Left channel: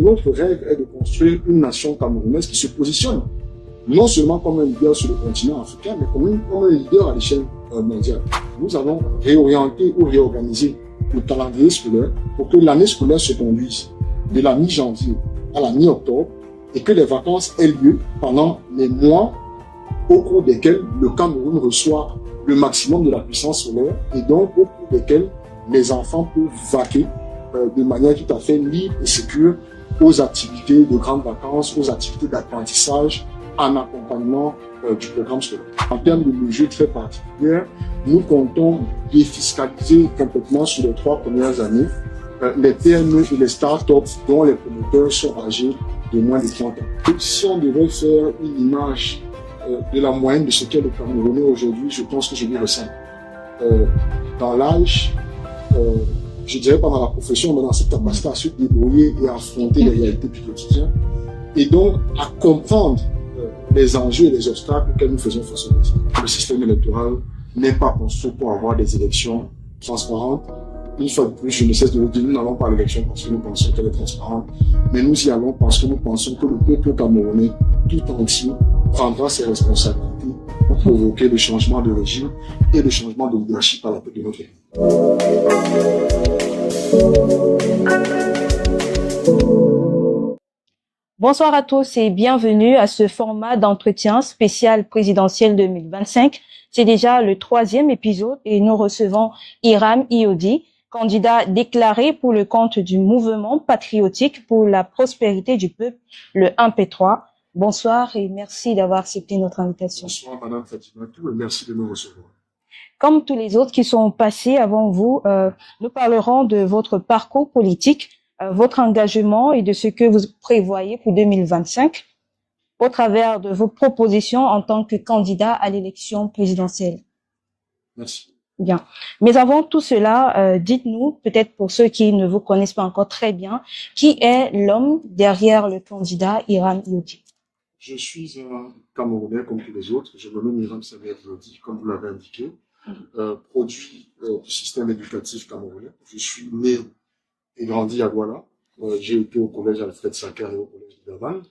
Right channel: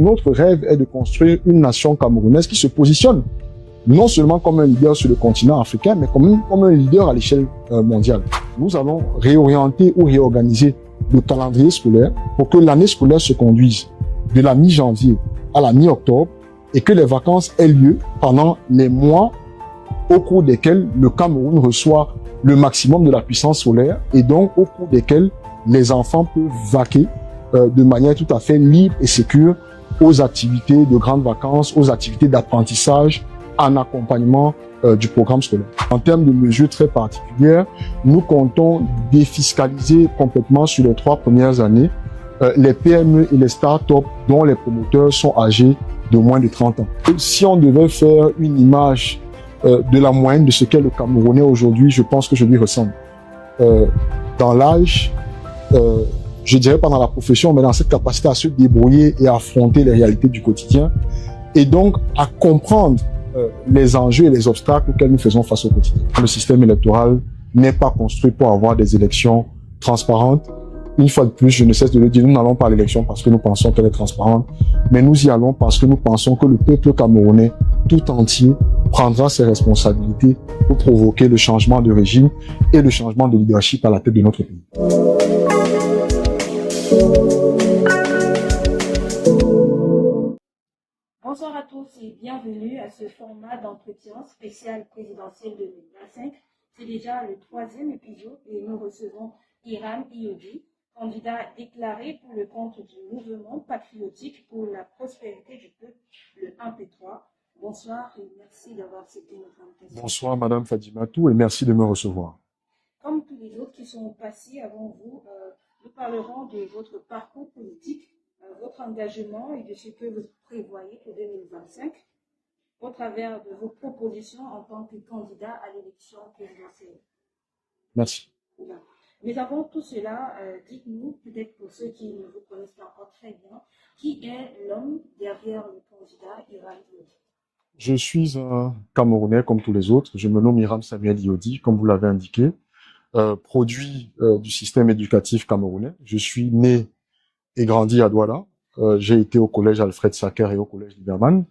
Notre rêve est de construire une nation camerounaise qui se positionne non seulement comme un leader sur le continent africain, mais comme un leader à l'échelle mondiale. Nous allons réorienter ou réorganiser le calendrier scolaire pour que l'année scolaire se conduise de la mi-janvier à la mi-octobre et que les vacances aient lieu pendant les mois au cours desquels le Cameroun reçoit le maximum de la puissance solaire et donc au cours desquels les enfants peuvent vaquer de manière tout à fait libre et sécure aux activités de grandes vacances, aux activités d'apprentissage en accompagnement du programme scolaire. En termes de mesures très particulières, nous comptons défiscaliser complètement sur les 3 premières années les PME et les startups dont les promoteurs sont âgés de moins de 30 ans. Si on devait faire une image de la moyenne de ce qu'est le Camerounais aujourd'hui, je pense que je lui ressemble. Dans l'âge, je dirais pas dans la profession, mais dans cette capacité à se débrouiller et à affronter les réalités du quotidien, et donc à comprendre les enjeux et les obstacles auxquels nous faisons face au quotidien. Le système électoral n'est pas construit pour avoir des élections transparentes. Une fois de plus, je ne cesse de le dire, nous n'allons pas à l'élection parce que nous pensons qu'elle est transparente, mais nous y allons parce que nous pensons que le peuple camerounais tout entier prendra ses responsabilités pour provoquer le changement de régime et le changement de leadership à la tête de notre pays. Bonsoir à tous et bienvenue à ce format d'entretien spécial présidentiel 2025. C'est déjà le 3e épisode et nous recevons Hiram Iodi, candidat déclaré pour le compte du mouvement patriotique pour la prospérité du peuple, le 1P3. Bonsoir et merci d'avoir accepté notre invitation. Bonsoir Madame Fadimatou et merci de me recevoir. Comme tous les autres qui sont passés avant vous, nous parlerons de votre parcours politique, votre engagement et de ce que vous prévoyez pour 2025 au travers de vos propositions en tant que candidat à l'élection présidentielle. Merci. Bien. Mais avant tout cela, dites-nous, peut-être pour ceux qui ne vous connaissent pas encore très bien, qui est l'homme derrière le candidat Hiram Iodi? Je suis un Camerounais comme tous les autres. Je me nomme Hiram Samuel Iodi, comme vous l'avez indiqué, produit du système éducatif camerounais. Je suis né et grandi à Douala. J'ai été au collège Alfred Sacker et au collège Liberman.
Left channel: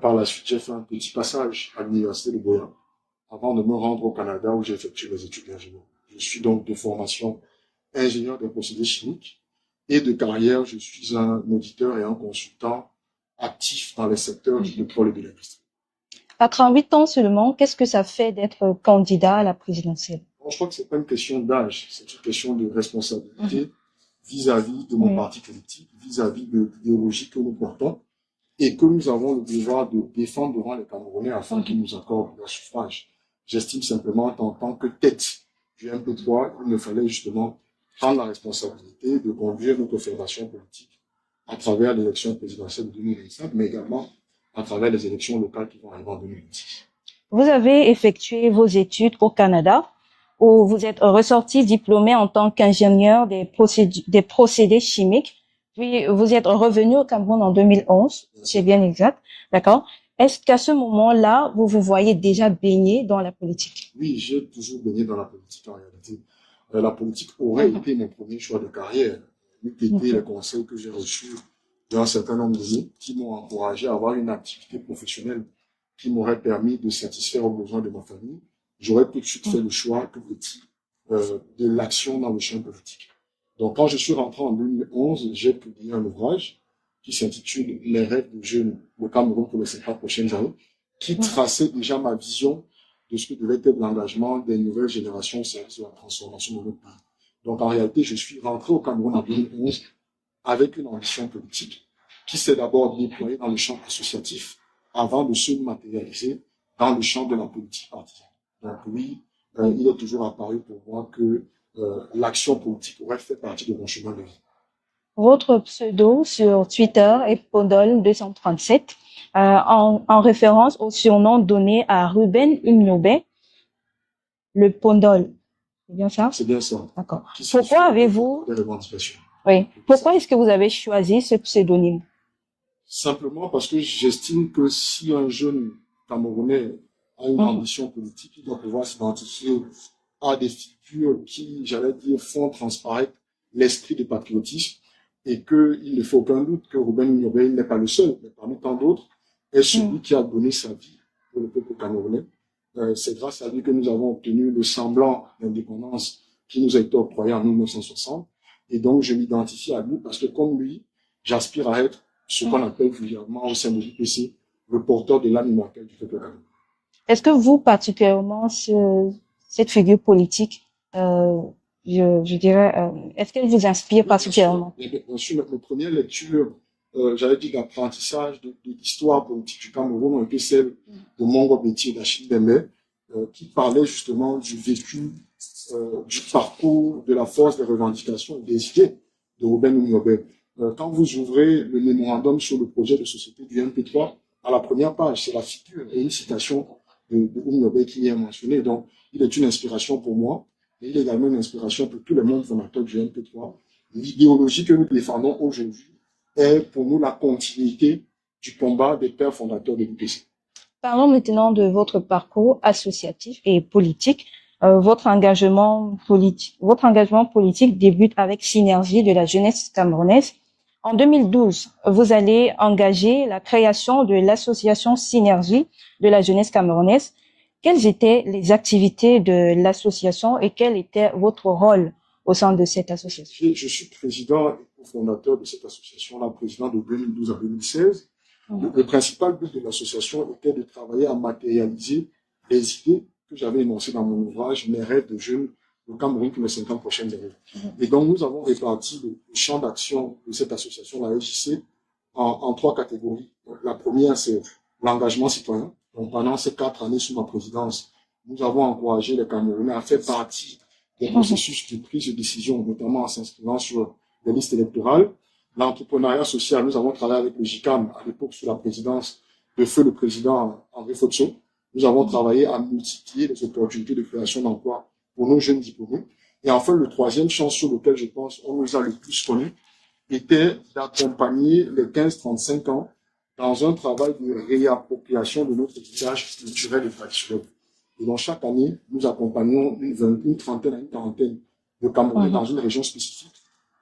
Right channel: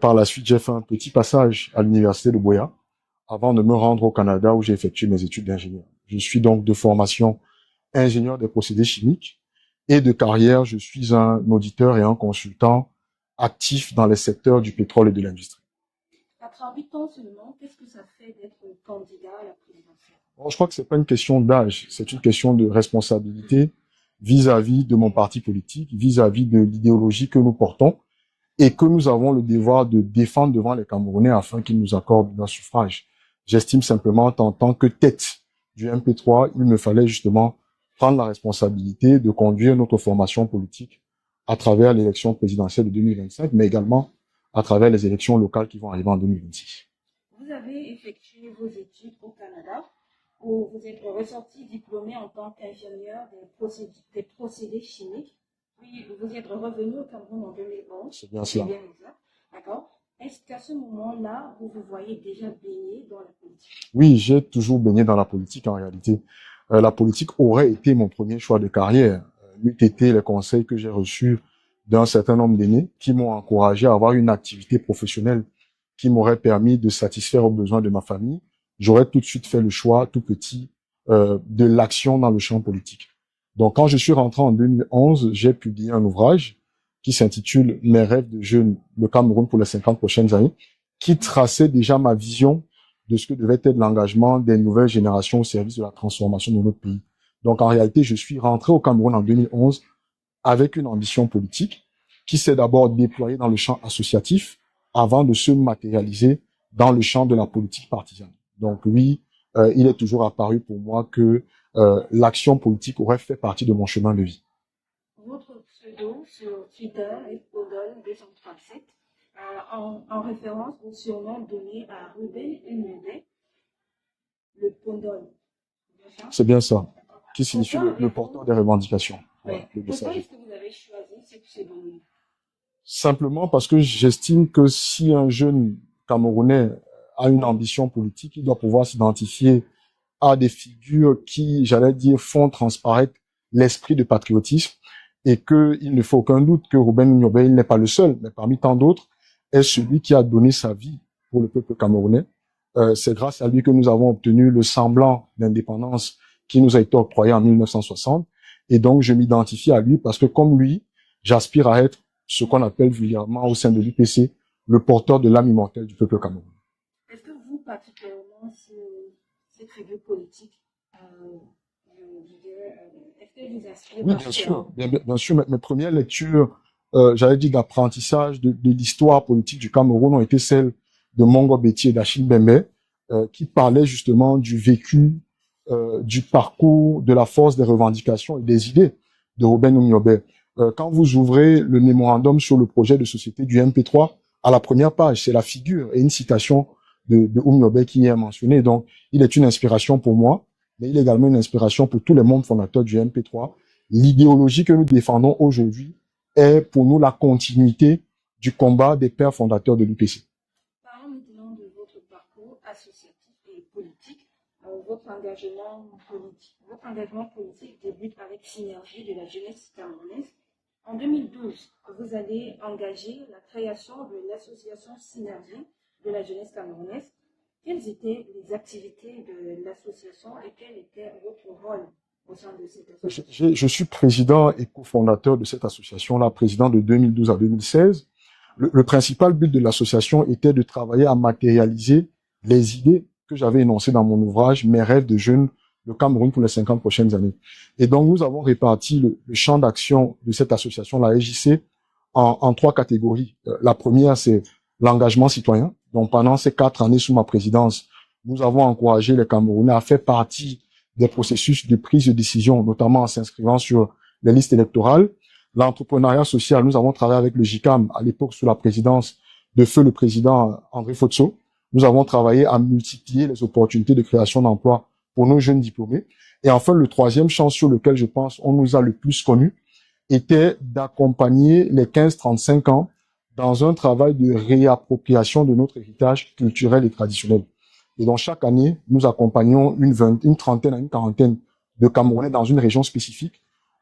Par la suite, j'ai fait un petit passage à l'université de Boya avant de me rendre au Canada où j'ai effectué mes études d'ingénieur. Je suis donc de formation ingénieur des procédés chimiques et de carrière, je suis un auditeur et un consultant actif dans les secteurs du pétrole et de l'industrie. À 38 ans seulement, qu'est-ce que ça fait d'être candidat à la présidentielle? Bon, je crois que c'est pas une question d'âge, c'est une question de responsabilité vis-à-vis de mon parti politique, vis-à-vis de l'idéologie que nous portons et que nous avons le devoir de défendre devant les Camerounais afin qu'ils nous accordent leur suffrage. J'estime simplement qu'en tant que tête du MP3, il me fallait justement prendre la responsabilité de conduire notre formation politique à travers l'élection présidentielle de 2025, mais également à travers les élections locales qui vont arriver en 2026. Vous avez effectué vos études au Canada, où vous êtes ressorti diplômé en tant qu'ingénieur des procédés chimiques. Puis vous êtes revenu au Cameroun en 2011, c'est bien exact, d'accord? Est-ce qu'à ce moment-là, vous vous voyez déjà baigné dans la politique? Oui, j'ai toujours baigné dans la politique en réalité. La politique aurait été mon premier choix de carrière. N'eût été les conseils que j'ai reçus d'un certain nombre d'aînés qui m'ont encouragé à avoir une activité professionnelle qui m'aurait permis de satisfaire aux besoins de ma famille. J'aurais tout de suite fait le choix, tout petit, de l'action dans le champ politique. Donc, quand je suis rentré en 2011, j'ai publié un ouvrage qui s'intitule « Mes rêves de jeune, le Cameroun pour les 50 prochaines années », qui traçait déjà ma vision de ce que devait être l'engagement des nouvelles générations au service de la transformation de notre pays. Donc, en réalité, je suis rentré au Cameroun en 2011 avec une ambition politique qui s'est d'abord déployée dans le champ associatif avant de se matérialiser dans le champ de la politique partisane. Donc oui, il est toujours apparu pour moi que l'action politique aurait fait partie de mon chemin de vie. Votre pseudo sur Twitter est Pondol237, en référence au surnom donné à Ruben Umnobé, le Pondol. C'est bien ça? C'est bien ça. D'accord. Pourquoi avez-vous des revendications? Oui. Pourquoi est-ce que vous avez choisi ce pseudonyme? Simplement parce que j'estime que si un jeune Camerounais a une ambition politique, il doit pouvoir s'identifier à des figures qui, j'allais dire, font transparaître l'esprit de patriotisme et qu'il ne faut aucun doute que Ruben Oumyobé, il n'est pas le seul, mais parmi tant d'autres, est celui qui a donné sa vie pour le peuple camerounais. C'est grâce à lui que nous avons obtenu le semblant d'indépendance qui nous a été octroyé en 1960. Et donc, je m'identifie à lui parce que comme lui, j'aspire à être ce qu'on appelle vulgairement au sein de l'UPC, le porteur de l'âme immortelle du peuple camerounais. Est-ce que vous, particulièrement, cette figure politique, je dirais, est-ce qu'elle vous inspire particulièrement? Bien sûr, mes premières lectures, j'avais dit d'apprentissage de l'histoire politique du Cameroun ont été celles de Mongo Betty et d'Achille Mbembe, qui parlaient justement du vécu, du parcours, de la force des revendications et des idées de Ruben Oumyobé. Quand vous ouvrez le mémorandum sur le projet de société du MP3, à la première page, c'est la figure et une citation de Oumyobé qui est mentionnée. Donc, il est une inspiration pour moi, mais il est également une inspiration pour tous les membres fondateurs du MP3. L'idéologie que nous défendons aujourd'hui est pour nous la continuité du combat des pères fondateurs de l'UPC. Parlons maintenant de votre parcours associatif et politique. Votre engagement politique débute avec Synergie de la jeunesse camerounaise. En 2012, vous allez engager la création de l'association Synergie de la jeunesse camerounaise. Quelles étaient les activités de l'association et quel était votre rôle au sein de cette association? Je suis président et cofondateur de cette association-là, président de 2012 à 2016. Le principal but de l'association était de travailler à matérialiser les idées que j'avais énoncées dans mon ouvrage « Mes rêves de jeune, le Cameroun pour les 50 prochaines années ». Et donc, nous avons réparti le champ d'action de cette association, la SJC, en 3 catégories. La première, c'est l'engagement citoyen. Donc, pendant ces 4 années sous ma présidence, nous avons encouragé les Camerounais à faire partie des processus de prise de décision, notamment en s'inscrivant sur les listes électorales. L'entrepreneuriat social, nous avons travaillé avec le JICAM à l'époque sous la présidence de feu le président André Fotso. Nous avons travaillé à multiplier les opportunités de création d'emplois pour nos jeunes diplômés. Et enfin, le troisième champ sur lequel je pense on nous a le plus connus était d'accompagner les 15-35 ans dans un travail de réappropriation de notre héritage culturel et traditionnel. Et donc, chaque année, nous accompagnons une trentaine à une quarantaine de Camerounais dans une région spécifique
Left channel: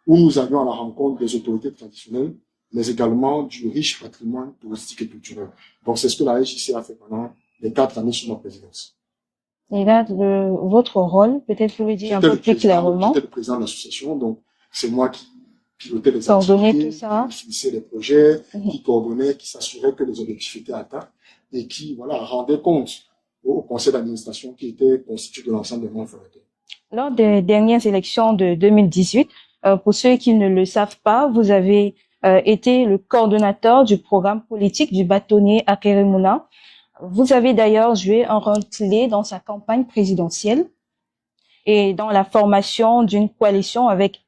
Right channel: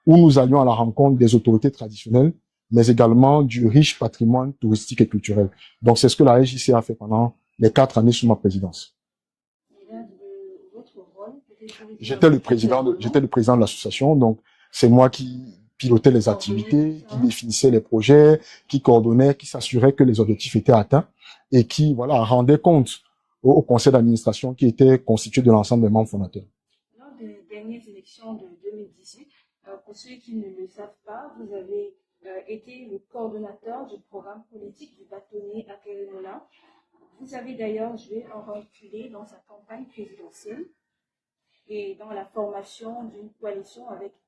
où nous allions à la rencontre des autorités traditionnelles, mais également du riche patrimoine touristique et culturel. Donc, c'est ce que la RJC a fait pendant les 4 années sous ma présidence. Et là, votre rôle, peut-être vous le dire un peu plus clairement. J'étais le président de l'association, donc c'est moi qui pilotais les activités, qui définissait les projets, qui coordonnait, qui s'assurait que les objectifs étaient atteints et qui, voilà, rendait compte au conseil d'administration qui était constitué de l'ensemble des membres fondateurs. Lors des dernières élections de 2018, pour ceux qui ne le savent pas, vous avez été le coordonnateur du programme politique du bâtonnier Akeremouna. Vous avez d'ailleurs joué un rôle clé dans sa campagne présidentielle et dans la formation d'une coalition avec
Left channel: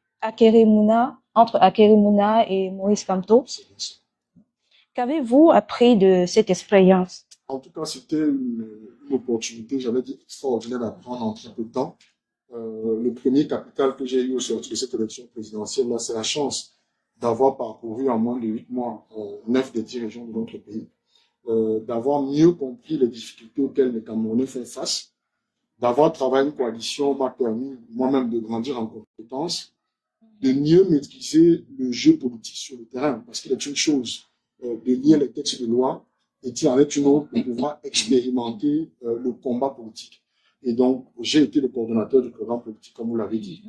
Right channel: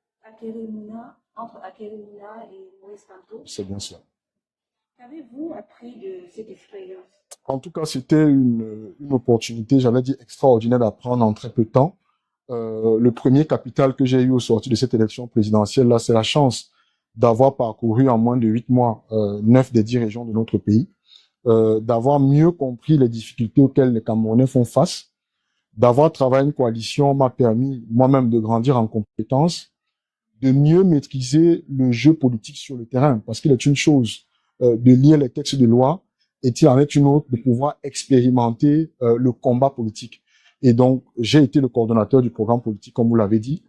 entre Akeremouna et Maurice Kamto. C'est bien ça. Qu'avez-vous appris de cette expérience? En tout cas, c'était une opportunité, j'avais dit, extraordinaire d'apprendre en très peu de temps. Le premier capital que j'ai eu au sortir de cette élection présidentielle, là, c'est la chance d'avoir parcouru en moins de 8 mois 9 des 10 régions de notre pays, d'avoir mieux compris les difficultés auxquelles les Camerounais font face, d'avoir travaillé une coalition m'a permis moi-même de grandir en compétences, de mieux maîtriser le jeu politique sur le terrain, parce qu'il est une chose de lire les textes de loi, et il en est une autre de pouvoir expérimenter le combat politique. Et donc, j'ai été le coordonnateur du programme politique, comme vous l'avez dit.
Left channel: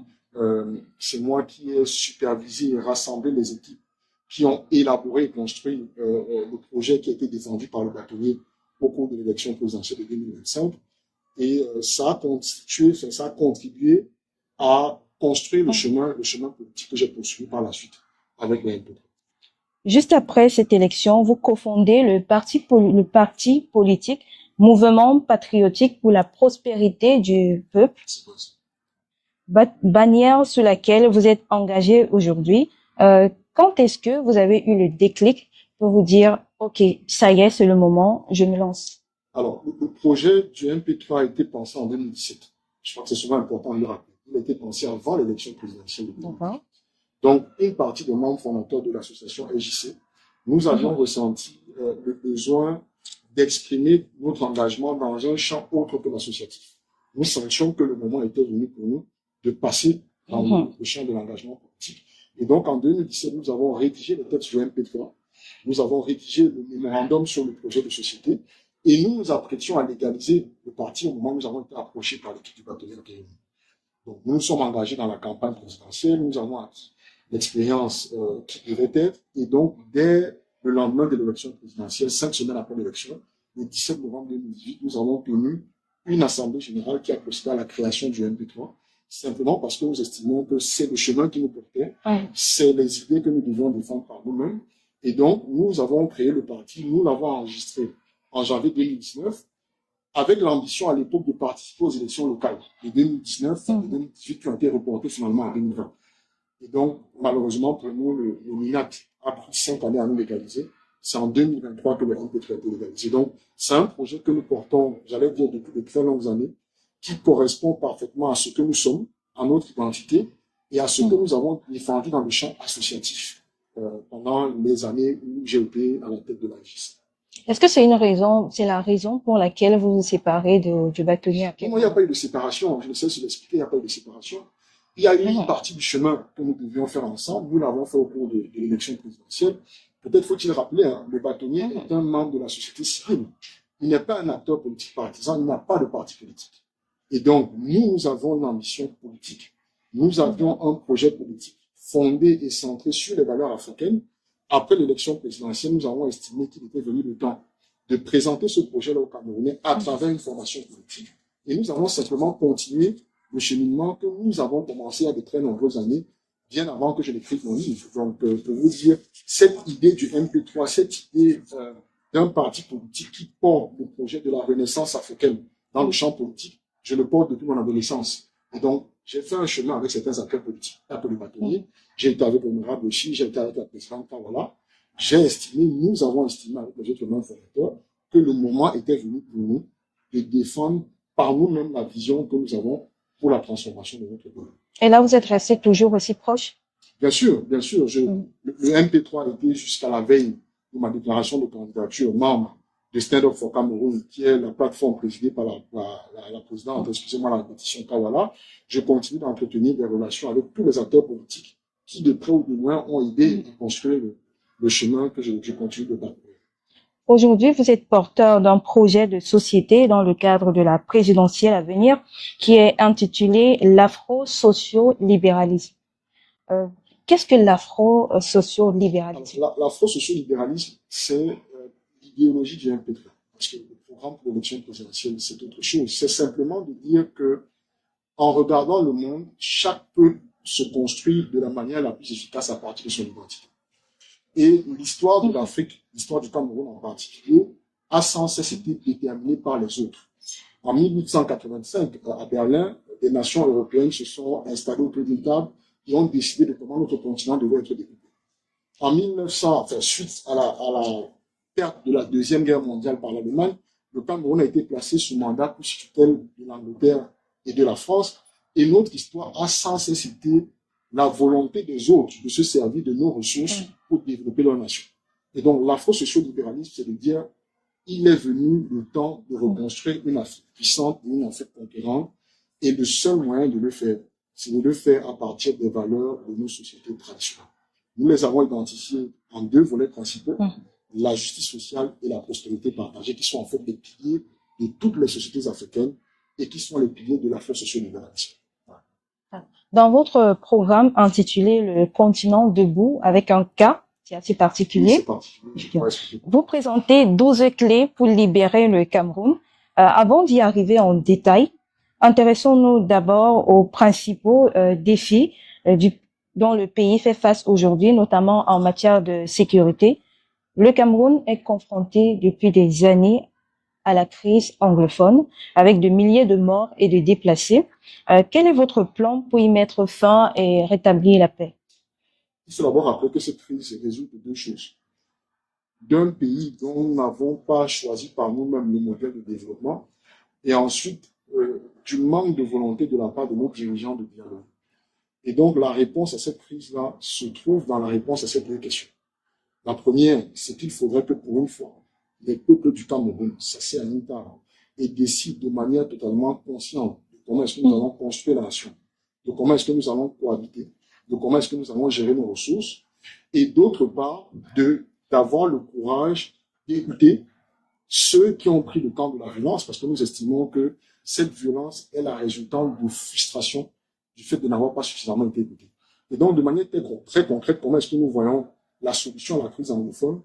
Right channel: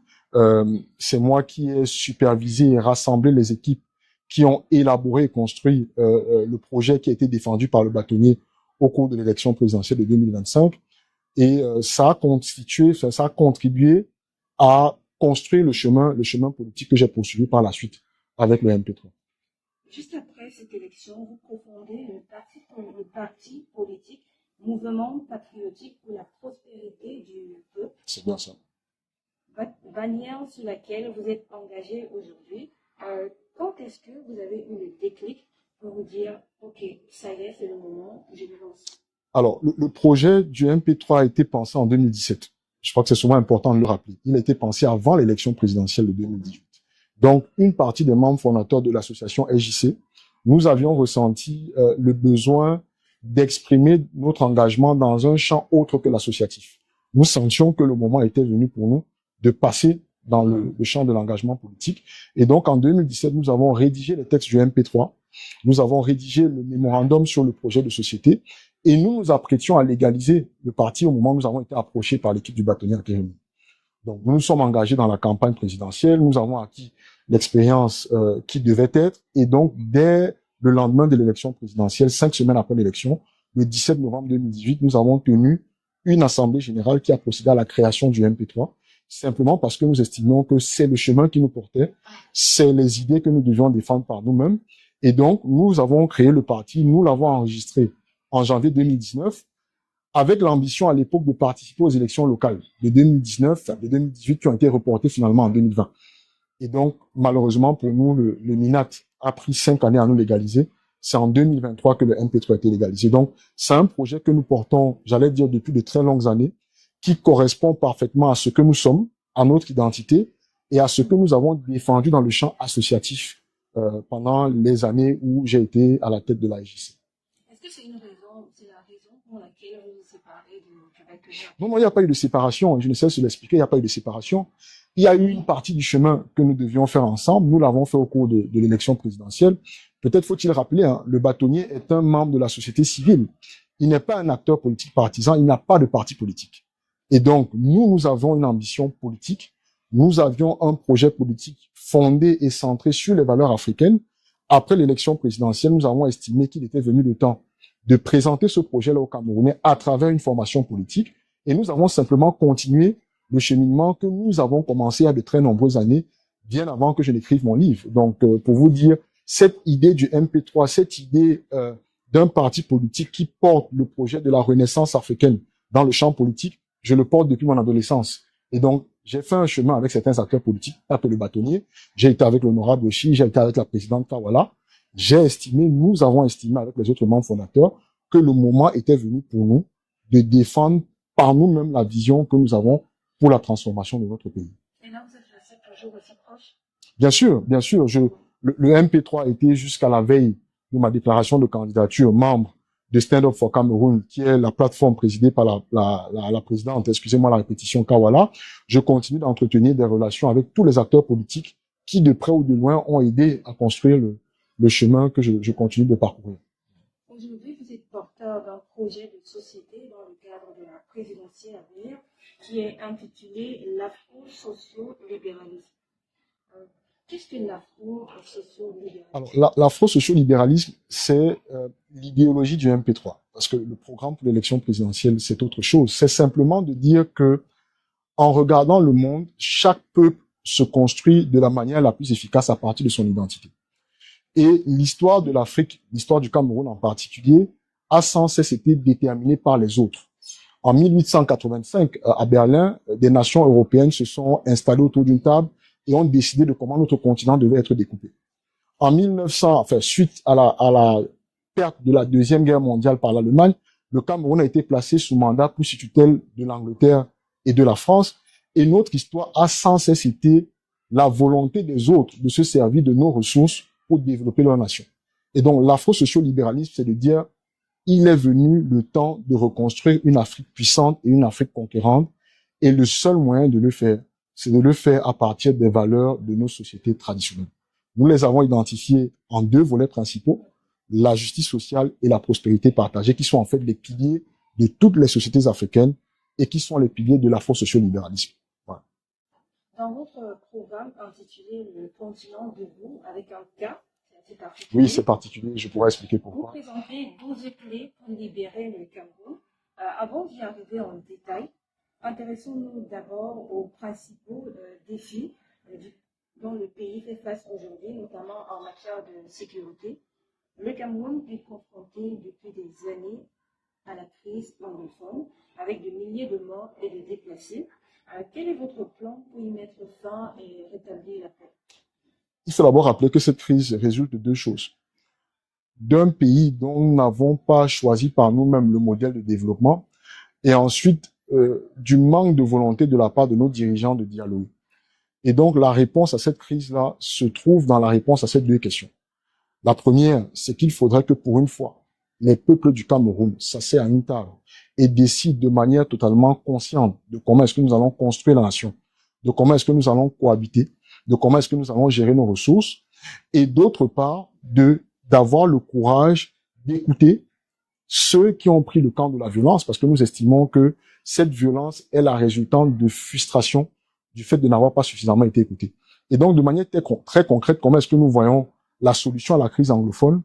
C'est moi qui ai supervisé et rassemblé les équipes qui ont élaboré et construit le projet qui a été défendu par le bâtonnier au cours de l'élection présidentielle de 2025. Et ça a contribué à construire le chemin politique que j'ai poursuivi par la suite avec le MP3. Juste après cette élection, vous cofondez le parti politique Mouvement patriotique pour la prospérité du peuple. C'est bien ça. Bannière sous laquelle vous êtes engagé aujourd'hui. Quand est-ce que vous avez eu le déclic pour vous dire, OK, ça y est, c'est le moment, je me lance? Alors, le projet du MP3 a été pensé en 2017. Je crois que c'est souvent important de le rappeler. Il a été pensé avant l'élection présidentielle de 2018. Donc, une partie des membres fondateurs de l'association SJC, nous avions ressenti le besoin d'exprimer notre engagement dans un champ autre que l'associatif. Nous sentions que le moment était venu pour nous de passer dans le champ de l'engagement politique. Et donc, en 2017, nous avons rédigé les textes du MP3. Nous avons rédigé le mémorandum sur le projet de société et nous nous apprêtions à légaliser le parti au moment où nous avons été approchés par l'équipe du bâtonnier Kérémy. Donc, nous nous sommes engagés dans la campagne présidentielle. Nous avons acquis l'expérience qui devait être. Et donc, dès le lendemain de l'élection présidentielle, 5 semaines après l'élection, le 17 novembre 2018, nous avons tenu une assemblée générale qui a procédé à la création du MP3, simplement parce que nous estimions que c'est le chemin qui nous portait, c'est les idées que nous devions défendre par nous-mêmes. Et donc, nous avons créé le parti, nous l'avons enregistré en janvier 2019, avec l'ambition à l'époque de participer aux élections locales de 2019 et de 2018 qui ont été reportées finalement en 2020. Et donc, malheureusement pour nous, le MINAT a pris 5 années à nous légaliser. C'est en 2023 que le MP3 a été légalisé. Donc, c'est un projet que nous portons, j'allais dire, depuis de très longues années, qui correspond parfaitement à ce que nous sommes, à notre identité et à ce que nous avons défendu dans le champ associatif pendant les années où j'ai été à la tête de l'AIGC. Est-ce que c'est la raison pour laquelle vous vous séparez du bâtonnier? Non, il n'y a pas eu de séparation. Je ne sais se l'expliquer, il n'y a pas eu de séparation. Il y a eu une partie du chemin que nous devions faire ensemble. Nous l'avons fait au cours de l'élection présidentielle. Peut-être faut-il rappeler, le bâtonnier est un membre de la société civile. Il n'est pas un acteur politique partisan, il n'a pas de parti politique. Et donc, nous avons une ambition politique. Nous avions un projet politique fondé et centré sur les valeurs africaines. Après l'élection présidentielle, nous avons estimé qu'il était venu le temps de présenter ce projet-là aux Camerounais à travers une formation politique. Et nous avons simplement continué le cheminement que nous avons commencé il y a de très nombreuses années, bien avant que je n'écrive mon livre. Donc, pour vous dire, cette idée du MP3, cette idée d'un parti politique qui porte le projet de la renaissance africaine dans le champ politique, je le porte depuis mon adolescence. Et donc, j'ai fait un chemin avec certains acteurs politiques, pas que le bâtonnier. J'ai été avec l'honorable Oshi, j'ai été avec la présidente Kawala. Nous avons estimé avec les autres membres fondateurs que le moment était venu pour nous de défendre par nous-mêmes la vision que nous avons pour la transformation de notre pays. Et là, vous êtes resté toujours aussi proche? Bien sûr, bien sûr. Le MP3 était jusqu'à la veille de ma déclaration de candidature membre de Stand Up for Cameroun, qui est la plateforme présidée par la présidente, excusez-moi la répétition, Kawala. Je continue d'entretenir des relations avec tous les acteurs politiques qui, de près ou de loin, ont aidé à construire le chemin que je continue de parcourir. Aujourd'hui, vous êtes porteur d'un projet de société dans le cadre de la présidentielle à venir qui est intitulé l'afro-socio-libéralisme. Qu'est-ce que l'afro-socio-libéralisme? L'afro-socio-libéralisme, c'est l'idéologie du MP3. Parce que le programme pour l'élection présidentielle, c'est autre chose. C'est simplement de dire que, en regardant le monde, chaque peuple se construit de la manière la plus efficace à partir de son identité. Et l'histoire de l'Afrique, l'histoire du Cameroun en particulier, a sans cesse été déterminée par les autres. En 1885, à Berlin, des nations européennes se sont installées autour d'une table et ont décidé de comment notre continent devait être découpé. En 1900, suite à la perte de la Deuxième Guerre mondiale par l'Allemagne, le Cameroun a été placé sous mandat pour sous tutelle de l'Angleterre et de la France. Et notre histoire a sans cesse été la volonté des autres de se servir de nos ressources pour développer leur nation. Et donc, l'afro-socio-libéralisme, c'est de dire, il est venu le temps de reconstruire une Afrique puissante et une Afrique conquérante. Et le seul moyen de le faire, c'est de le faire à partir des valeurs de nos sociétés traditionnelles. Nous les avons identifiées en 2 volets principaux, la justice sociale et la prospérité partagée, qui sont en fait les piliers de toutes les sociétés africaines et qui sont les piliers de l'afro-socio-libéralisme. Voilà. Dans votre programme intitulé Le continent debout, avec un K, c'est assez particulier. Oui, c'est particulier, je pourrais expliquer pourquoi. Vous présentez 12 clés pour libérer le Cameroun. Avant d'y arriver en détail, intéressons-nous d'abord aux principaux défis dont le pays fait face aujourd'hui, notamment en matière de sécurité. Le Cameroun est confronté depuis des années à la crise anglophone, avec de milliers de morts et de déplacés. Quel est votre plan pour y mettre fin et rétablir la paix? Il faut d'abord rappeler que cette crise résulte de 2 choses. D'un pays dont nous n'avons pas choisi par nous-mêmes le modèle de développement, et ensuite du manque de volonté de la part de nos dirigeants de dialogue. Et donc la réponse à cette crise-là se trouve dans la réponse à ces 2 questions. La première, c'est qu'il faudrait que pour une fois, les peuples du Cameroun s'asseyent à une table et décident de manière totalement consciente de comment est-ce que nous allons construire la nation. de comment est-ce que nous allons cohabiter, de comment est-ce que nous allons gérer nos ressources, et d'autre part, d'avoir le courage d'écouter ceux qui ont pris le camp de la violence, parce que nous estimons que cette violence est la résultante de frustration du fait de n'avoir pas suffisamment été écouté. Et donc, de manière très concrète, comment est-ce que nous voyons la solution à la crise anglophone?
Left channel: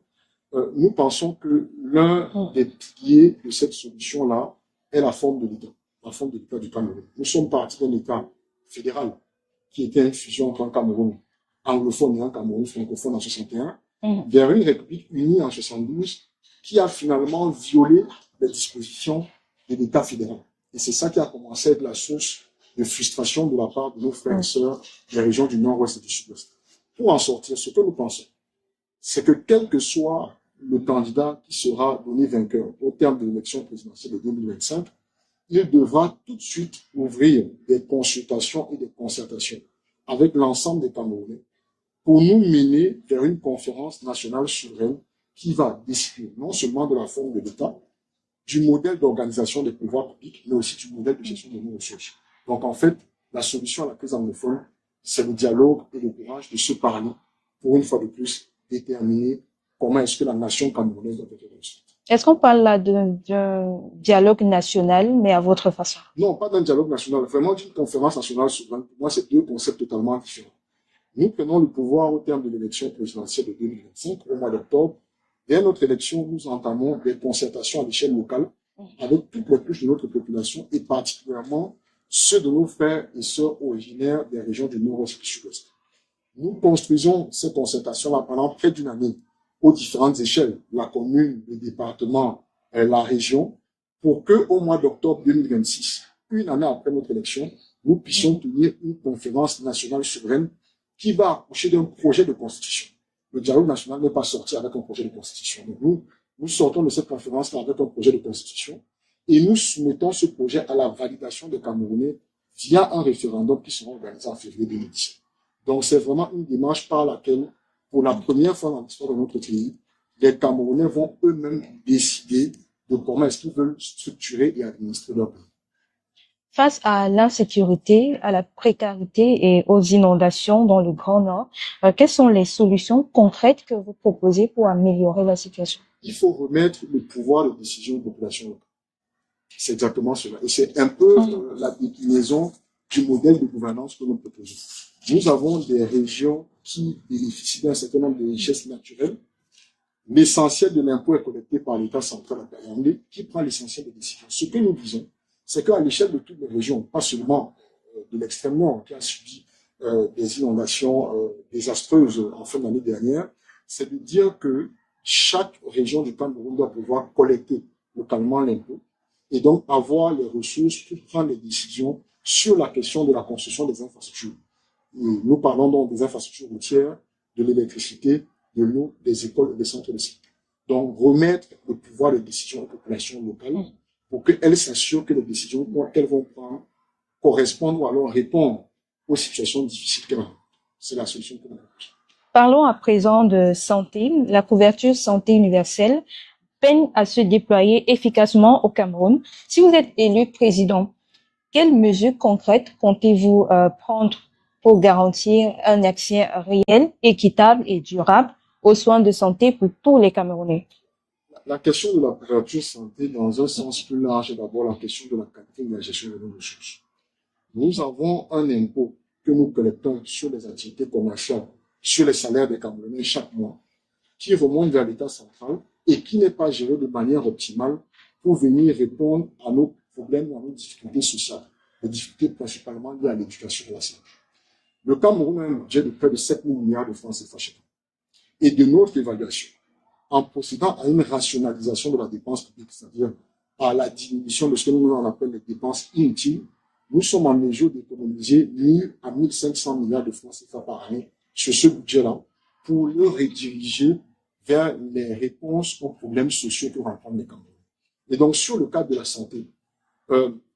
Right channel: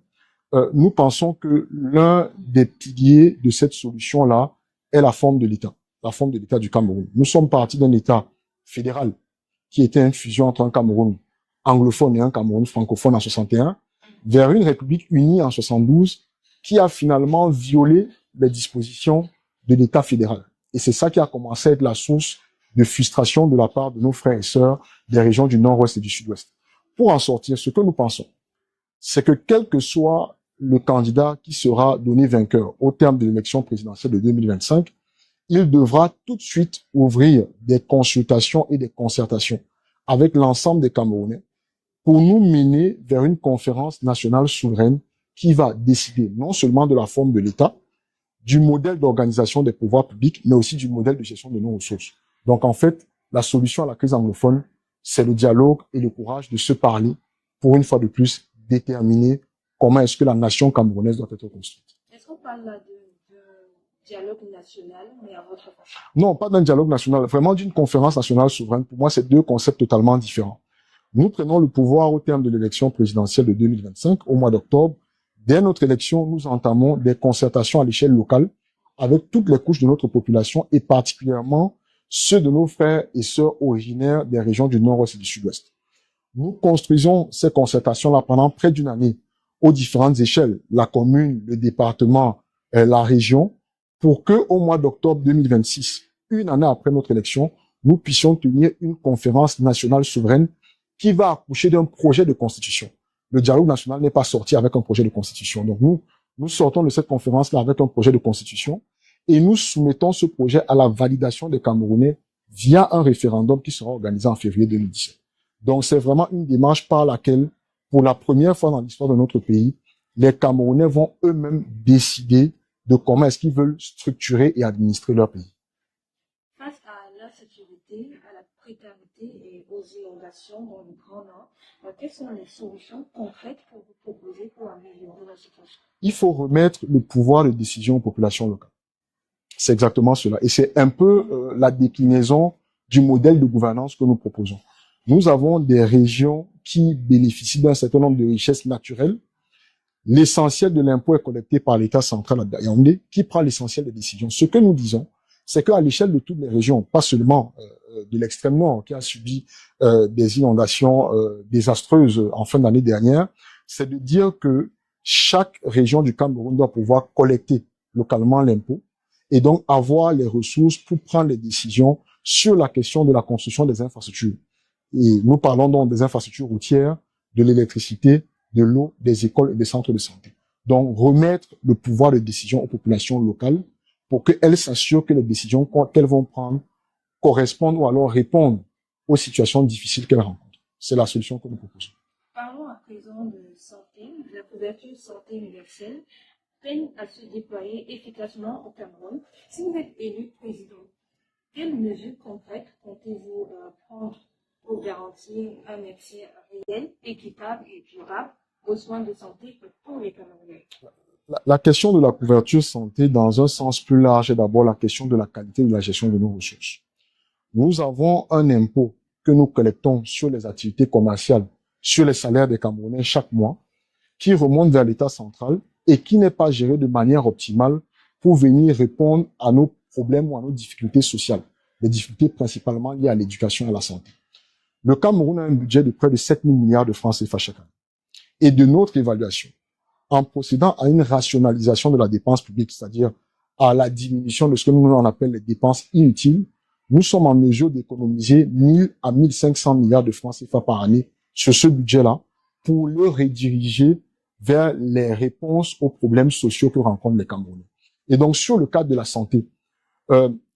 Nous pensons que l'un des piliers de cette solution-là est la forme de l'État du Cameroun. Nous sommes partis d'un État fédéral qui était une fusion entre un Cameroun anglophone et un Cameroun francophone en 61, vers une République unie en 72, qui a finalement violé les dispositions de l'État fédéral. Et c'est ça qui a commencé à être la source de frustration de la part de nos frères et sœurs des régions du nord-ouest et du sud-ouest. Pour en sortir, ce que nous pensons, c'est que quel que soit le candidat qui sera donné vainqueur au terme de l'élection présidentielle de 2025, il devra tout de suite ouvrir des consultations et des concertations avec l'ensemble des Camerounais pour nous mener vers une conférence nationale souveraine qui va décider non seulement de la forme de l'État, du modèle d'organisation des pouvoirs publics, mais aussi du modèle de gestion de nos ressources. Donc, en fait, la solution à la crise anglophone, c'est le dialogue et le courage de se parler pour, une fois de plus, déterminer comment est-ce que la nation camerounaise doit être construite. Est-ce qu'on parle là d'un dialogue national, mais à votre façon? Non, pas d'un dialogue national, vraiment d'une conférence nationale souveraine. Pour moi, c'est deux concepts totalement différents. Nous prenons le pouvoir au terme de l'élection présidentielle de 2025, au mois d'octobre. Dès notre élection, nous entamons des concertations à l'échelle locale avec toutes les couches de notre population et particulièrement ceux de nos frères et sœurs originaires des régions du nord-ouest et du sud-ouest. Nous construisons ces concertations-là pendant près d'une année aux différentes échelles, la commune, le département, la région, pour que au mois d'octobre 2026, une année après notre élection, nous puissions tenir une conférence nationale souveraine qui va accoucher d'un projet de constitution. Le dialogue national n'est pas sorti avec un projet de constitution. Donc nous sortons de cette conférence-là avec un projet de constitution et nous soumettons ce projet à la validation des Camerounais via un référendum qui sera organisé en février 2017. Donc c'est vraiment une démarche par laquelle, pour la première fois dans l'histoire de notre pays, les Camerounais vont eux-mêmes décider de comment est-ce qu'ils veulent structurer et administrer leur pays. Face à l'insécurité, à la précarité et aux inondations dans le Grand Nord, quelles sont les solutions concrètes que vous proposez pour améliorer la situation? Il faut remettre le pouvoir de décision aux populations locales. C'est exactement cela. Et c'est un peu la déclinaison du modèle de gouvernance que nous proposons. Nous avons des régions qui bénéficient d'un certain nombre de richesses naturelles. L'essentiel de l'impôt est collecté par l'État central à Yaoundé, qui prend l'essentiel des décisions. Ce que nous disons, c'est qu'à l'échelle de toutes les régions, pas seulement de l'extrême nord qui a subi des inondations désastreuses en fin d'année dernière, c'est de dire que chaque région du Cameroun doit pouvoir collecter localement l'impôt et donc avoir les ressources pour prendre les décisions sur la question de la construction des infrastructures. Et nous parlons donc des infrastructures routières, de l'électricité, de l'eau, des écoles et des centres de santé. Donc remettre le pouvoir de décision aux populations locales pour qu'elles s'assurent que les décisions qu'elles vont prendre correspondent ou alors répondent aux situations difficiles qu'elles rencontrent. C'est la solution que nous proposons. Parlons à présent de santé. La couverture santé universelle peine à se déployer efficacement au Cameroun. Si vous êtes élu président, quelles mesures concrètes comptez-vous prendre pour garantir un accès réel, équitable et durable aux soins de santé pour tous les Camerounais? La question de la couverture santé, dans un sens plus large, est d'abord la question de la qualité de la gestion de nos ressources. Nous avons un impôt que nous collectons sur les activités commerciales, sur les salaires des Camerounais chaque mois, qui remonte vers l'État central et qui n'est pas géré de manière optimale pour venir répondre à nos problèmes ou à nos difficultés sociales, les difficultés principalement liées à l'éducation et à la santé. Le Cameroun a un budget de près de 7 000 milliards de francs CFA chaque année. Et de notre évaluation, en procédant à une rationalisation de la dépense publique, c'est-à-dire à la diminution de ce que nous on appelle les dépenses inutiles, nous sommes en mesure d'économiser 1000 à 1500 milliards de francs CFA par année sur ce budget-là pour le rediriger vers les réponses aux problèmes sociaux que rencontrent les Camerounais. Et donc, sur le cadre de la santé,